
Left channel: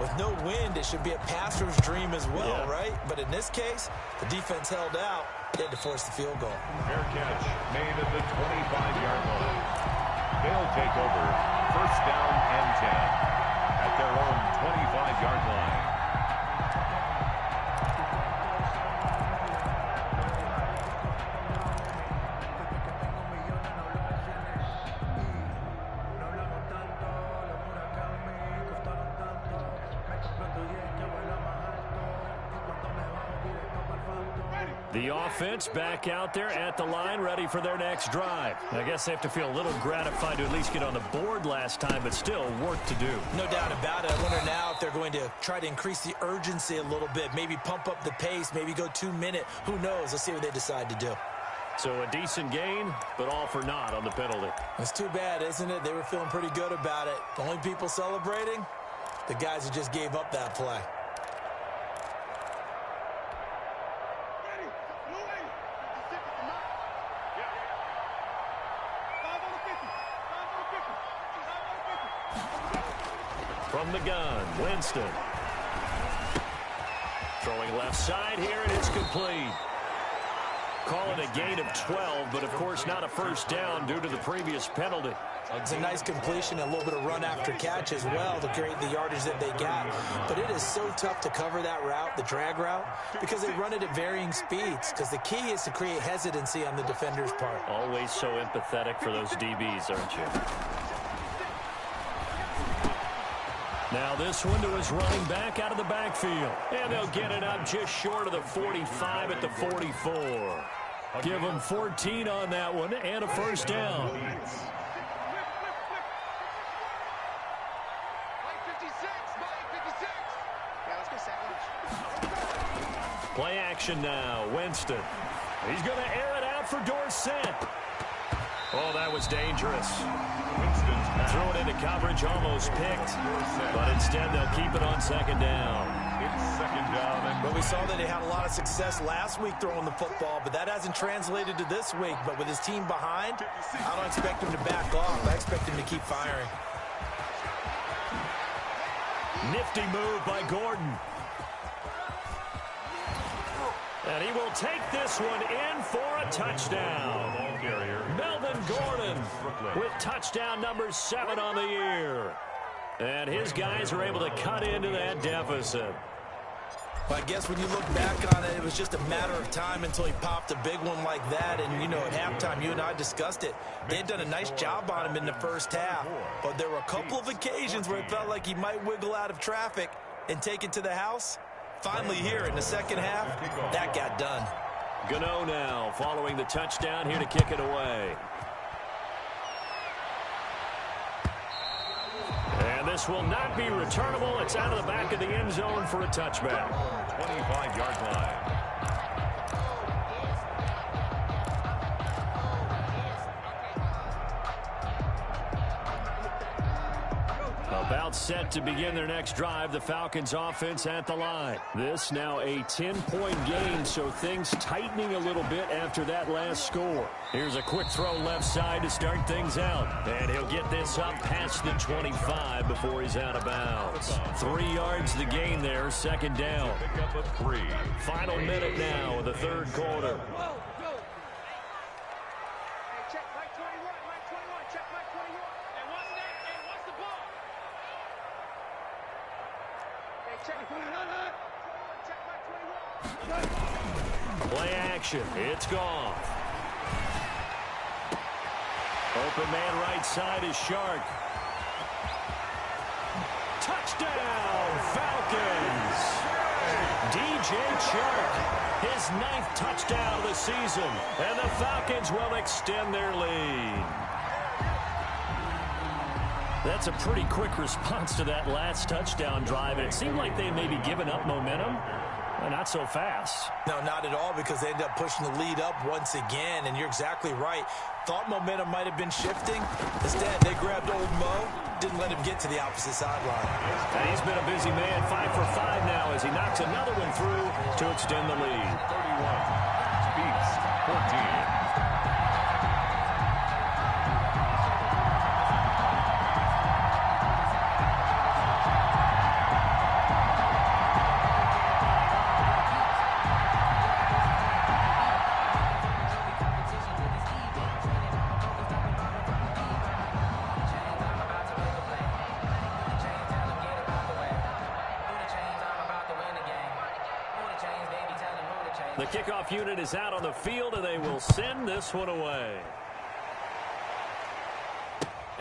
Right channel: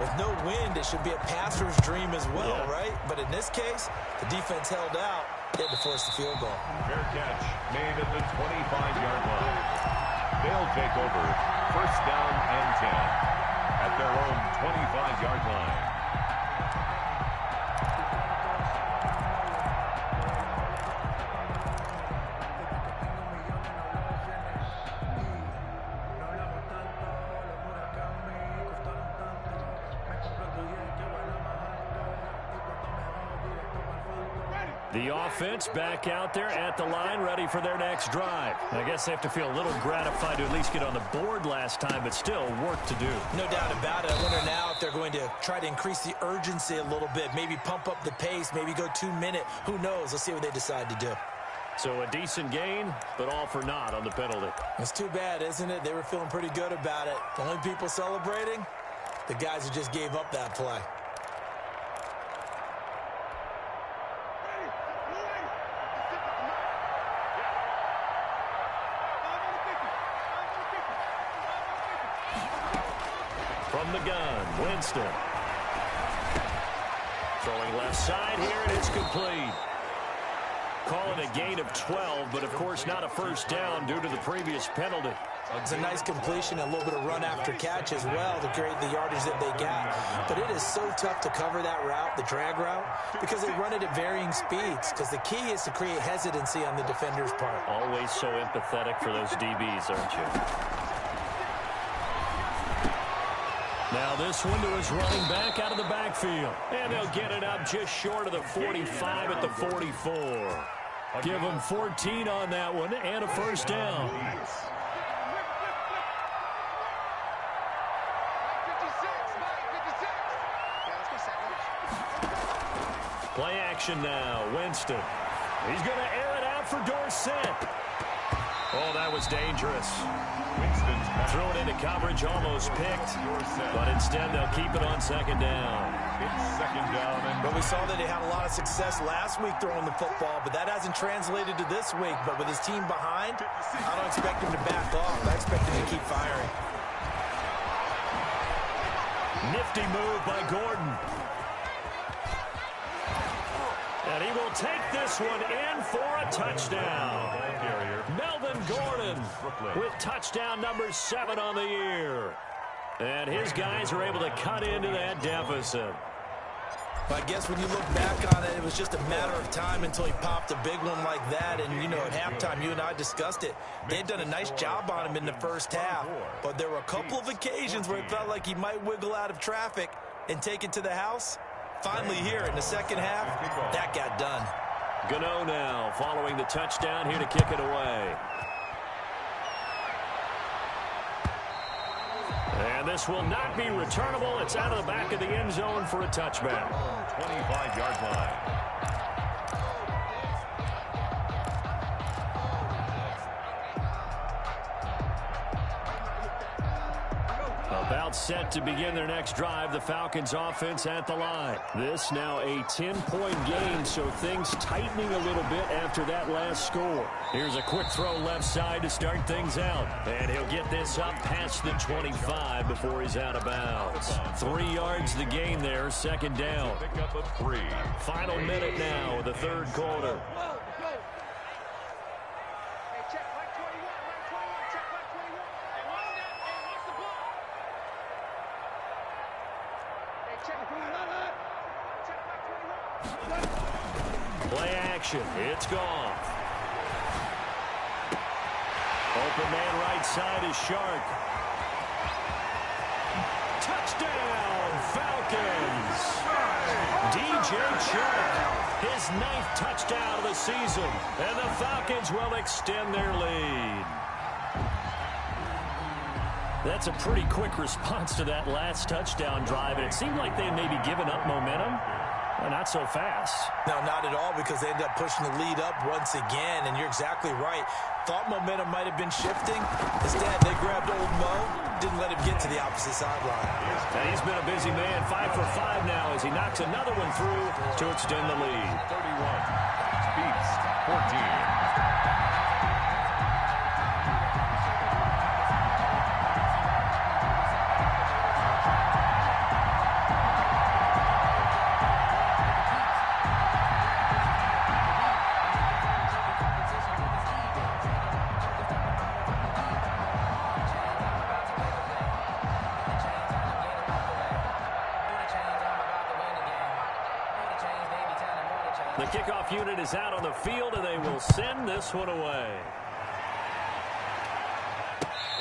with no wind, it should be a passer's dream as well, right? But in this case, the defense held out. They had to force the field goal. Fair catch made at the 25-yard line. They'll take over 1st down and 10 at their own 25-yard line. The offense back out there at the line, ready for their next drive. I guess they have to feel a little gratified to at least get on the board last time, but still work to do. No doubt about it. I wonder now if they're going to try to increase the urgency a little bit, maybe pump up the pace, maybe go 2-minute. Who knows? Let's see what they decide to do. So a decent gain, but all for naught on the penalty. It's too bad, isn't it? They were feeling pretty good about it. The only people celebrating, the guys who just gave up that play. From the gun, Winston. Throwing left side here, and it's complete. Call it a gain of 12, but of course not a first down due to the previous penalty. It's a nice completion, a little bit of run after catch as well to create the yardage that they got. But it is so tough to cover that route, the drag route, because they run it at varying speeds, because the key is to create hesitancy on the defender's part. Always so empathetic for those DBs, aren't you? Now this one to his running back out of the backfield. And they'll get it up just short of the 45 at the 44. Give them 14 on that one and a first down. Play action now. Winston. He's going to air it out for Dorsett. Oh, that was dangerous. Winston's pass. Threw it into coverage, almost picked. But instead, they'll keep it on 2nd down. It's 2nd down. But we saw that they had a lot of success last week throwing the football, but that hasn't translated to this week. But with his team behind, I don't expect him to back off. I expect him to keep firing. Nifty move by Gordon. And he will take this one in for a touchdown. Melvin Gordon with touchdown number 7 on the year. And his guys are able to cut into that deficit. I guess when you look back on it, it was just a matter of time until he popped a big one like that. And, you know, at halftime, you and I discussed it. They had done a nice job on him in the first half. But there were a couple of occasions where it felt like he might wiggle out of traffic and take it to the house. Finally here in the second half, that got done. Gano now following the touchdown here to kick it away. And this will not be returnable. It's out of the back of the end zone for a touchback. 25-yard line. About set to begin their next drive, the Falcons offense at the line. This now a 10-point game, so things tightening a little bit after that last score. Here's a quick throw left side to start things out. And he'll get this up past the 25 before he's out of bounds. 3 yards the gain there, second down. Pick up a 3. Final minute now of the third quarter. Check Mike 21, Mike 21, check Mike 21. Hey, watch that. Hey, watch the ball. Hey, check Mike 21. Play action. It's gone. Open man right side is Shark. Touchdown, Falcons. DJ Shark. His 9th touchdown of the season, and the Falcons will extend their lead. That's a pretty quick response to that last touchdown drive, and it seemed like they may be giving up momentum. Well, not so fast. No, not at all, because they ended up pushing the lead up once again, and you're exactly right. Thought momentum might have been shifting. Instead, they grabbed old Mo, didn't let him get to the opposite sideline. And he's been a busy man, 5 for 5 now as he knocks another one through to extend the lead. 31 beats 14. The kickoff unit is out on the field, and they will send this one away.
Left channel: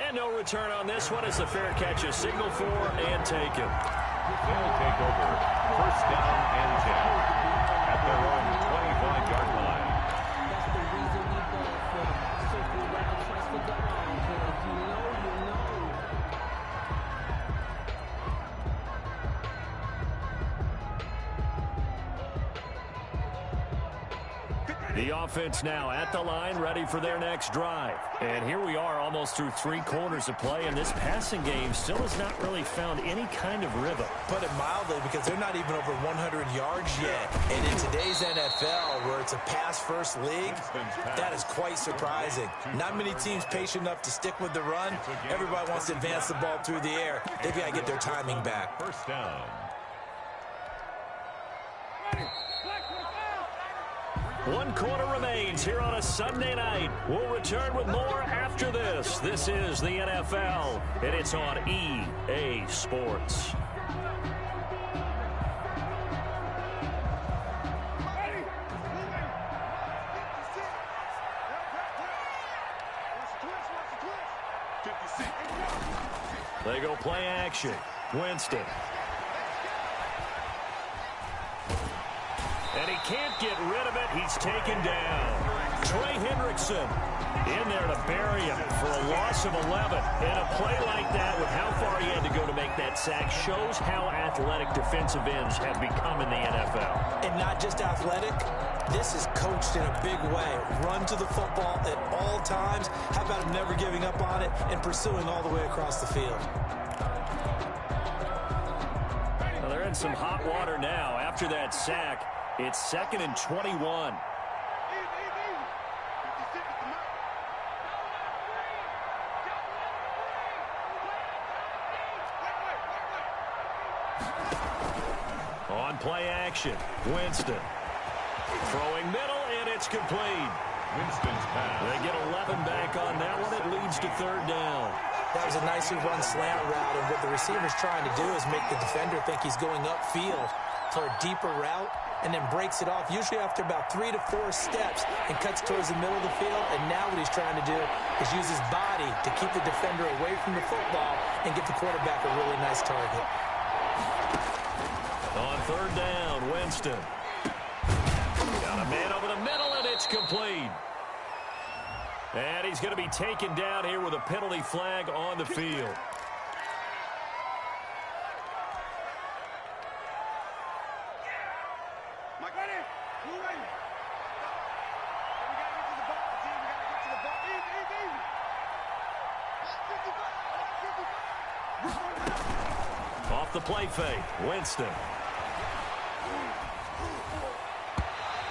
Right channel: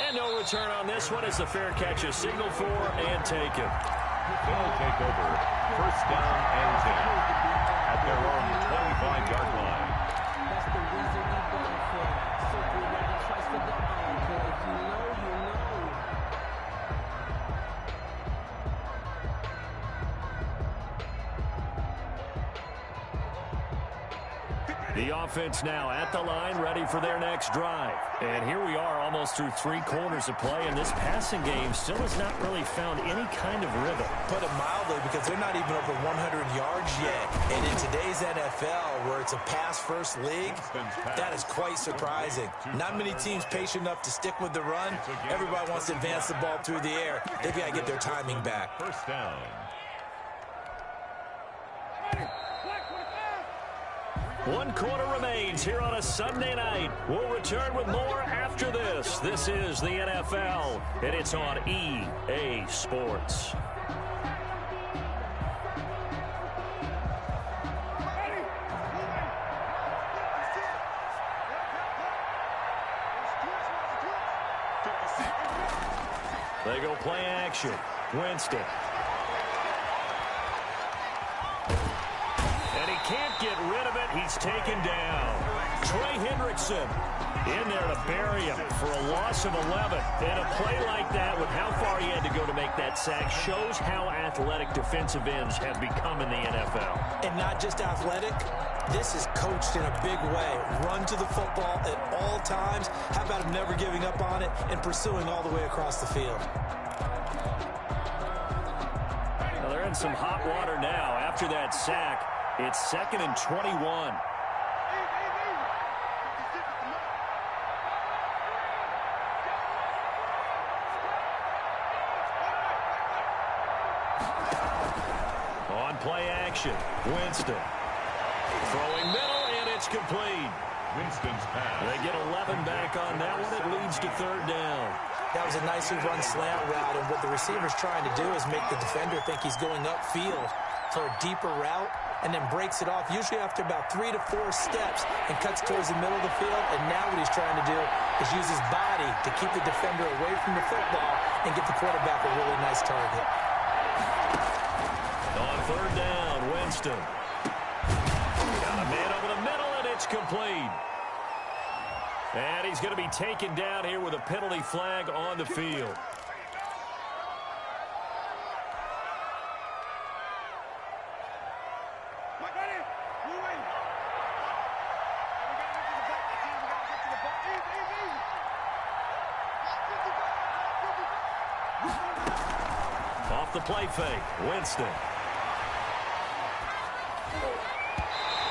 And no return on this one as the fair catch is signaled for and taken. They'll take over first down and 10 at their own 25-yard line. That's the reason we go for circle round twice for the encore. If you know, you know. The offense now at the line, ready for their next drive. And here we are almost through 3 quarters of play, and this passing game still has not really found any kind of rhythm. Put it mildly, because they're not even over 100 yards yet. And in today's NFL, where it's a pass-first league, that is quite surprising. Not many teams patient enough to stick with the run. Everybody wants to advance the ball through the air. They've got to get their timing back. First down. One quarter remains here on a Sunday night. We'll return with more after this. This is the NFL, and it's on EA Sports. They go play action. Winston. And he can't get rid of it. He's taken down. Trey Hendrickson in there to bury him for a loss of 11. And a play like that, with how far he had to go to make that sack, shows how athletic defensive ends have become in the NFL. And not just athletic. This is coached in a big way. Run to the football at all times. How about him never giving up on it and pursuing all the way across the field? Well, they're in some hot water now after that sack. It's 2nd and 21. On play action, Winston. Throwing middle, and it's complete. Winston's pass. They get 11 back on that one. It leads to 3rd down. That was a nicely run slant route, and what the receiver's trying to do is make the defender think he's going upfield. for a deeper route and then breaks it off, usually after about 3 to 4 steps, and cuts towards the middle of the field. And now what he's trying to do is use his body to keep the defender away from the football and get the quarterback a really nice target. On third down, Winston. Got a man over the middle, and it's complete. And he's going to be taken down here with a penalty flag on the field. Off the play fake, Winston.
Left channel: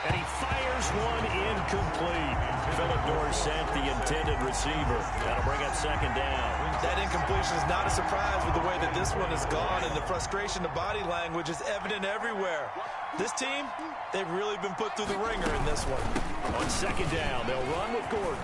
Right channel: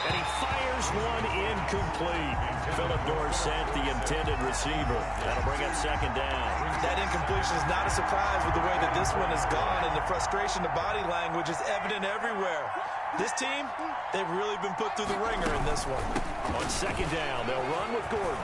And he fires one incomplete. Philip Dorsett, the intended receiver. That'll bring up second down. That incompletion is not a surprise with the way that this one has gone, and the frustration, the body language is evident everywhere. This team, they've really been put through the ringer in this one. On second down, they'll run with Gordon.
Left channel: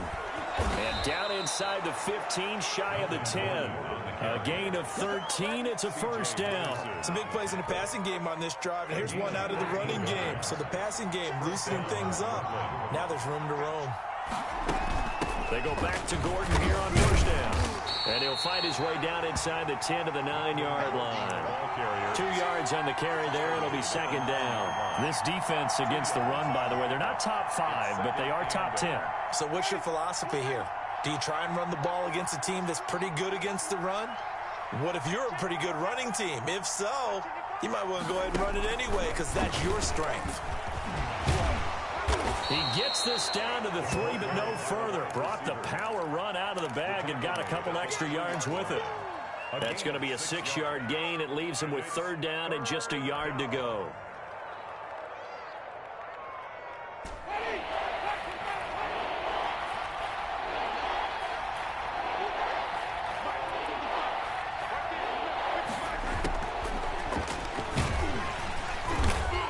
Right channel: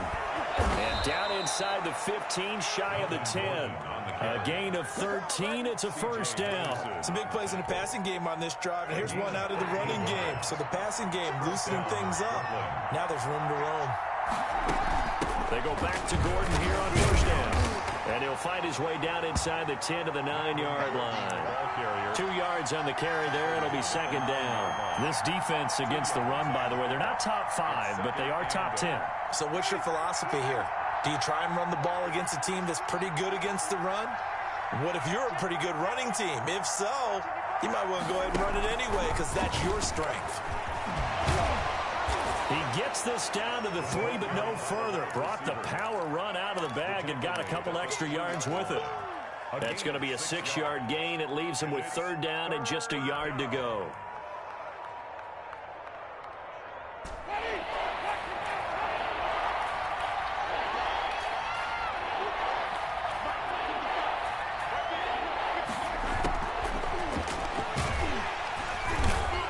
And down inside the 15, shy of the 10. A gain of 13, it's a first down. Some big plays in the passing game on this drive, and here's one out of the running game. So the passing game loosening things up. Now there's room to roam. They go back to Gordon here on first down. And he'll find his way down inside the 10 to the 9-yard line. 2 yards on the carry there. It'll be second down. This defense against the run, by the way, they're not top 5, but they are top 10. So what's your philosophy here? Do you try and run the ball against a team that's pretty good against the run? What if you're a pretty good running team? If so, you might want to go ahead and run it anyway because that's your strength. He gets this down to the 3, but no further. Brought the power run out of the bag and got a couple extra yards with it. That's going to be a 6-yard gain. It leaves him with third down and just a yard to go.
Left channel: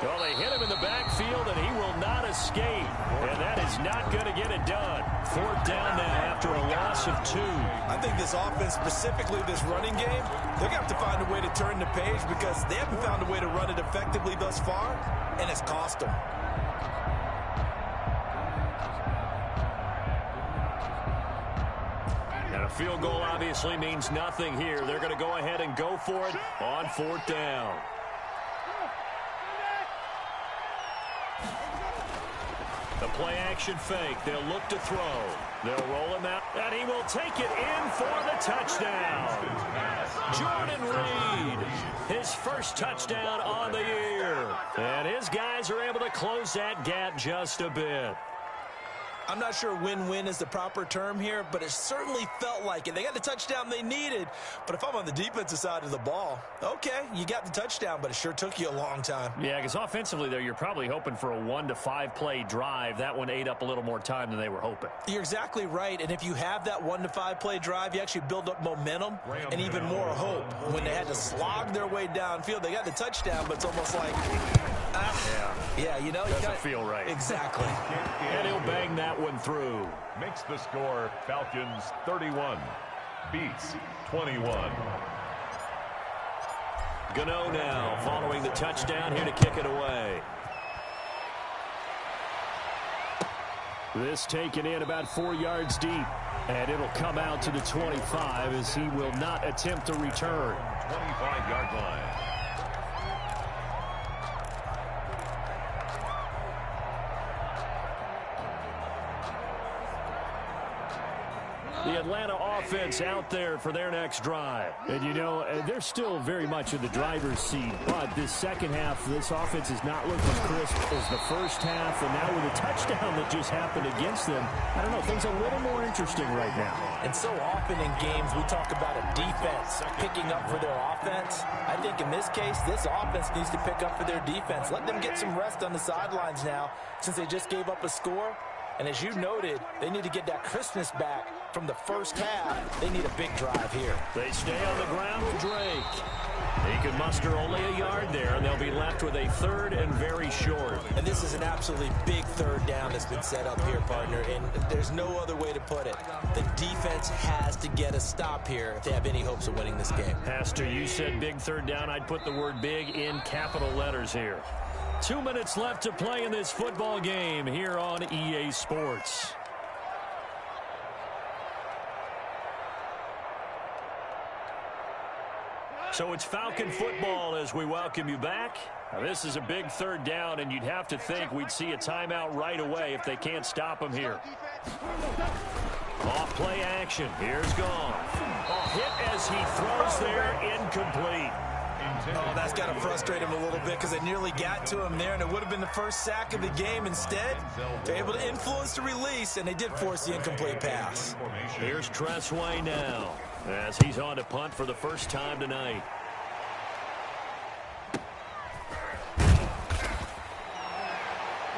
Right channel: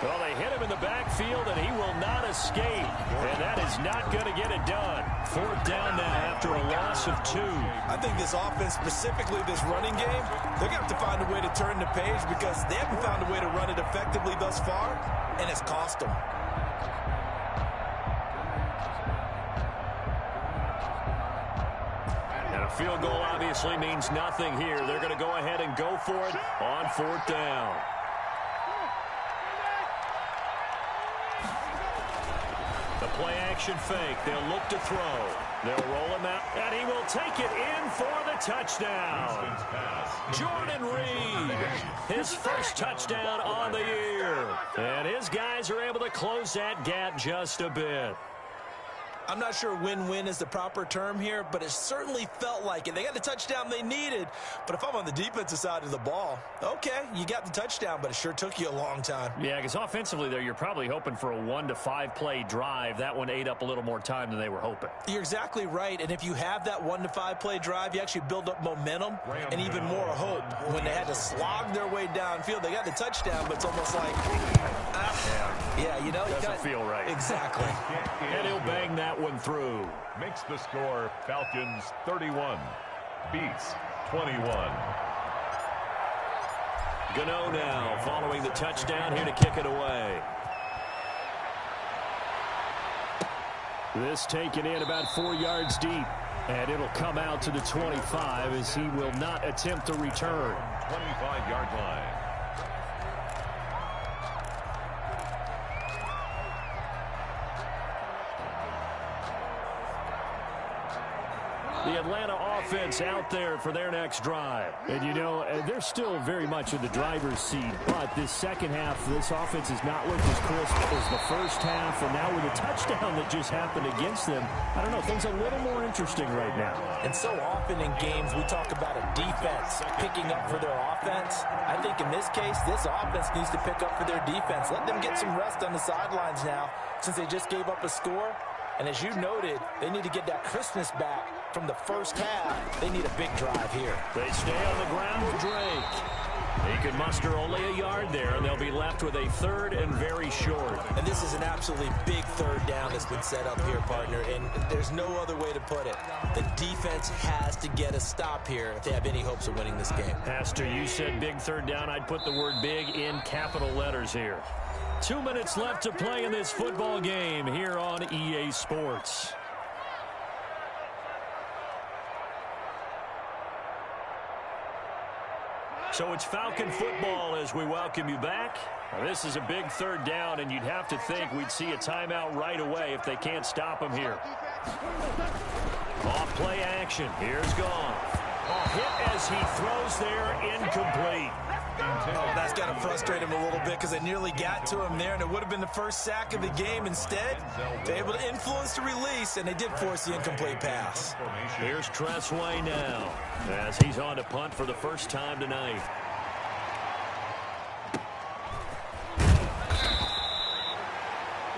Well, they hit him in the backfield, and he will not escape. And that is not going to get it done. Fourth down now after a loss of 2. I think this offense, specifically this running game, they're going to have to find a way to turn the page because they haven't found a way to run it effectively thus far, and it's cost them. And a field goal obviously means nothing here. They're going to go ahead and go for it on fourth down. The play-action fake. They'll look to throw. They'll roll him out, and he will take it in for the touchdown. Jordan Reed, his first touchdown on the year. And his guys are able to close that gap just a bit. I'm not sure win-win is the proper term here, but it certainly felt like it. They got the touchdown they needed, but if I'm on the defensive side of the ball, okay, you got the touchdown, but it sure took you a long time. Yeah, because offensively there, you're probably hoping for a 1 to 5 play drive. That one ate up a little more time than they were hoping. You're exactly right, and if you have that 1 to 5 play drive, you actually build up momentum and even more hope. When they had to slog their way downfield, they got the touchdown, but it's almost like, yeah, you know, doesn't feel right. Exactly. And he'll bang that one through. Makes the score Falcons 31, Beats 21. Gano now following the touchdown here to kick it away. This taken in about 4 yards deep, and it'll come out to the 25 as he will not attempt to return. 25-yard line. The Atlanta offense out there for their next drive. And, you know, they're still very much in the driver's seat, but this second half, this offense has not looked as crisp as the first half, and now with a touchdown that just happened against them, I don't know, things a little more interesting right now. And so often in games, we talk about a defense picking up for their offense. I think in this case, this offense needs to pick up for their defense. Let them get some rest on the sidelines now, since they just gave up a score. And as you noted, they need to get that crispness back from the first half. They need a big drive here. They stay on the ground with Drake. He could muster only a yard there, and they'll be left with a third and very short. And this is an absolutely big third down that's been set up here, partner, and there's no other way to put it. The defense has to get a stop here if they have any hopes of winning this game. Has to. You said big third down. I'd put the word big in capital letters here. 2 minutes left to play in this football game here on EA Sports. So it's Falcon football as we welcome you back. Now this is a big third down, and you'd have to think we'd see a timeout right away if they can't stop him here. Off play action. Here's Goff. Oh, hit as he throws there, incomplete. Oh, that's got to frustrate him a little bit because they nearly got to him there, and it would have been the first sack of the game. Instead, they're able to influence the release, and they did force the incomplete pass. Here's Tressway now as he's on to punt for the first time tonight.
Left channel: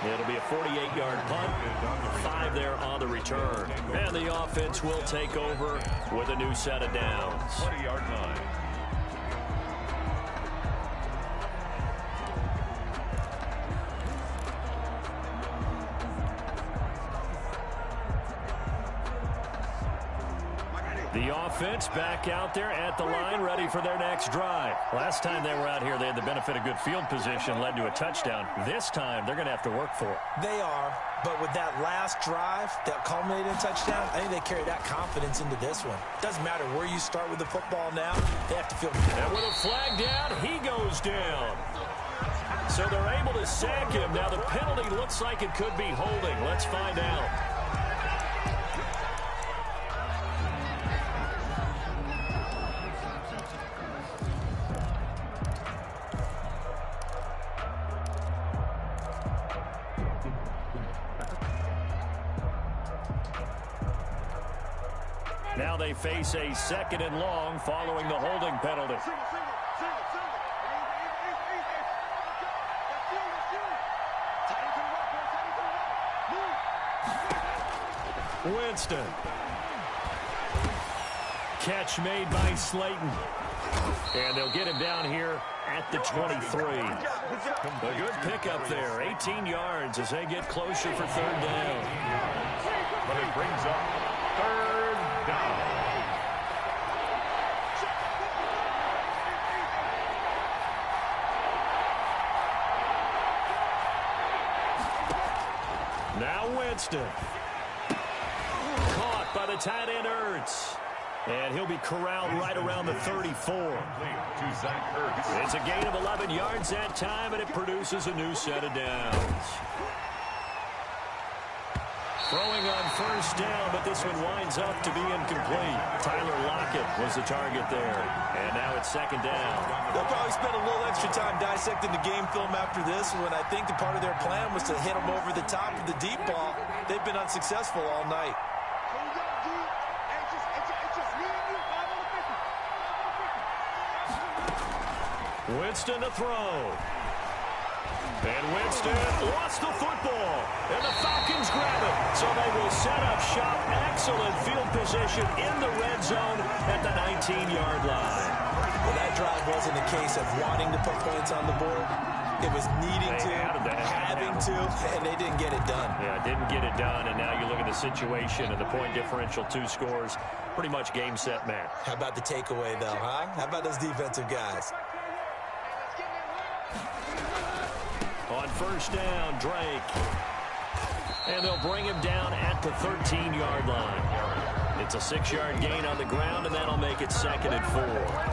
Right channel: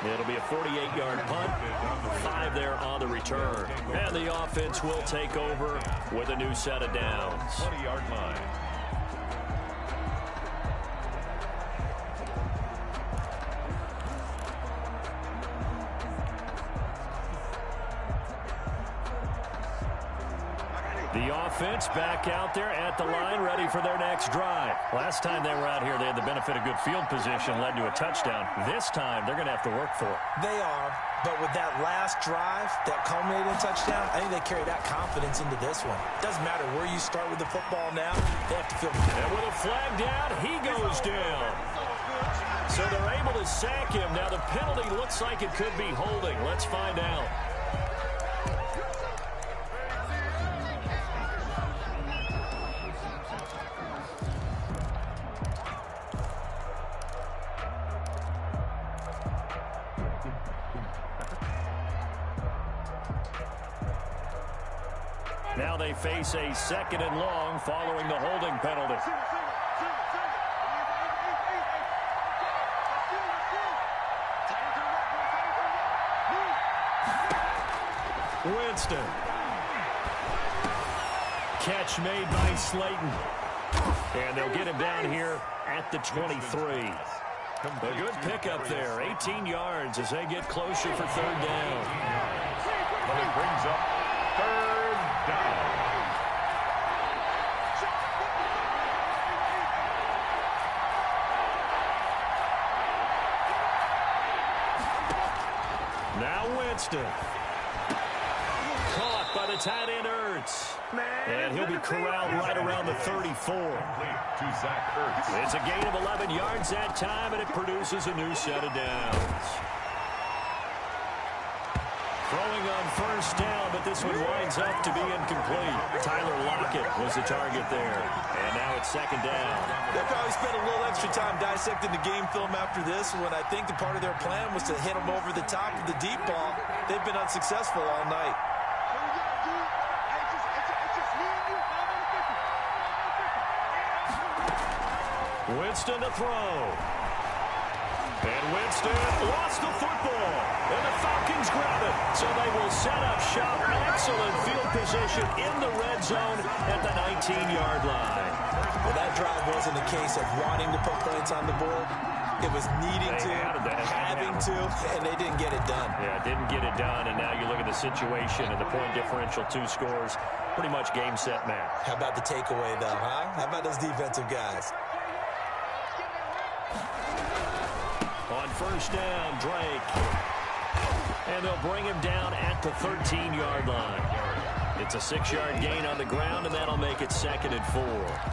It'll be a 48-yard punt, 5 there on the return. And the offense will take over with a new set of downs. 20-yard line. The offense back out there at the line, ready for their next drive. Last time they were out here, they had the benefit of good field position, led to a touchdown. This time, they're going to have to work for it. They are, but with that last drive that culminated in a touchdown, I think they carry that confidence into this one. Doesn't matter where you start with the football now, they have to feel good. And with a flag down, he goes down. So they're able to sack him. Now the penalty looks like it could be holding. Let's find out. Now they face a 2nd and long following the holding penalty. Winston. Catch made by Slayton. And they'll get him down here at the 23. A good pickup there. 18 yards as they get closer for third down. But it brings up third down. Now Winston. Caught by the tight end Ertz. And he'll be corralled right around the 34. To Zach Ertz. It's a gain of 11 yards that time, and it produces a new set of downs. Throwing on first down, but this one winds up to be incomplete. Tyler Lockett was the target there. And now it's 2nd down. They'll probably spend a little extra time dissecting the game film after this one. I think the part of their plan was to hit them over the top of the deep ball. They've been unsuccessful all night. Winston to throw. And Winston lost the football. And the Falcons grab it. So they will set up shop. Excellent field position in the red zone at the 19-yard line. Well, that drive wasn't a case of wanting to put points on the board. It was needing to, having to, and they didn't get it done. Yeah, didn't get it done, and now you look at the situation and the point differential, 2 scores, pretty much game, set, match. How about the takeaway, though, huh? How about those defensive guys? On first down, Drake. And they'll bring him down at the 13-yard line. It's a 6-yard gain on the ground, and that'll make it 2nd and 4.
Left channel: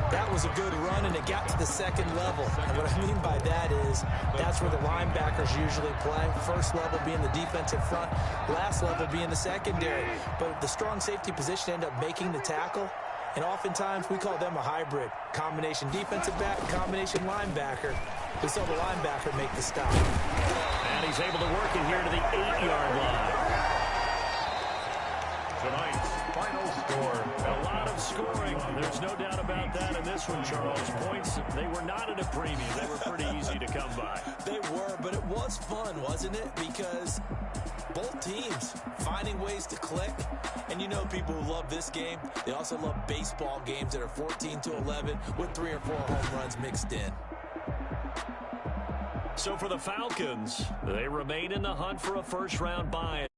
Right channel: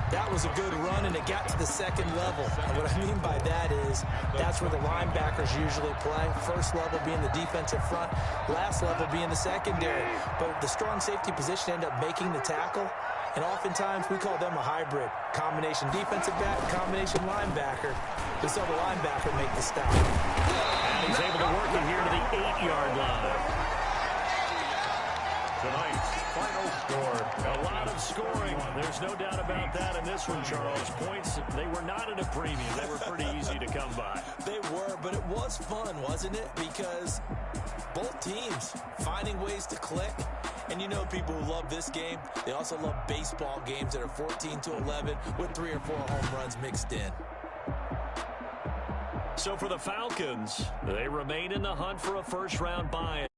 That was a good run, and it got to the 2nd level. And what I mean by that is that's where the linebackers usually play. First level being the defensive front, last level being the secondary. But the strong safety position ended up making the tackle. And oftentimes we call them a hybrid. Combination defensive back, combination linebacker. We saw the linebacker make the stop. And he's able to work it here to the 8-yard line. Tonight's final score. A lot of scoring. There's no doubt about that in this one, Charles. Points, they were not at a premium. They were pretty easy to come by. They were, but it was fun, wasn't it? Because both teams finding ways to click. And you know people who love this game, they also love baseball games that are 14-11 with 3 or 4 home runs mixed in. So for the Falcons, they remain in the hunt for a first-round bye.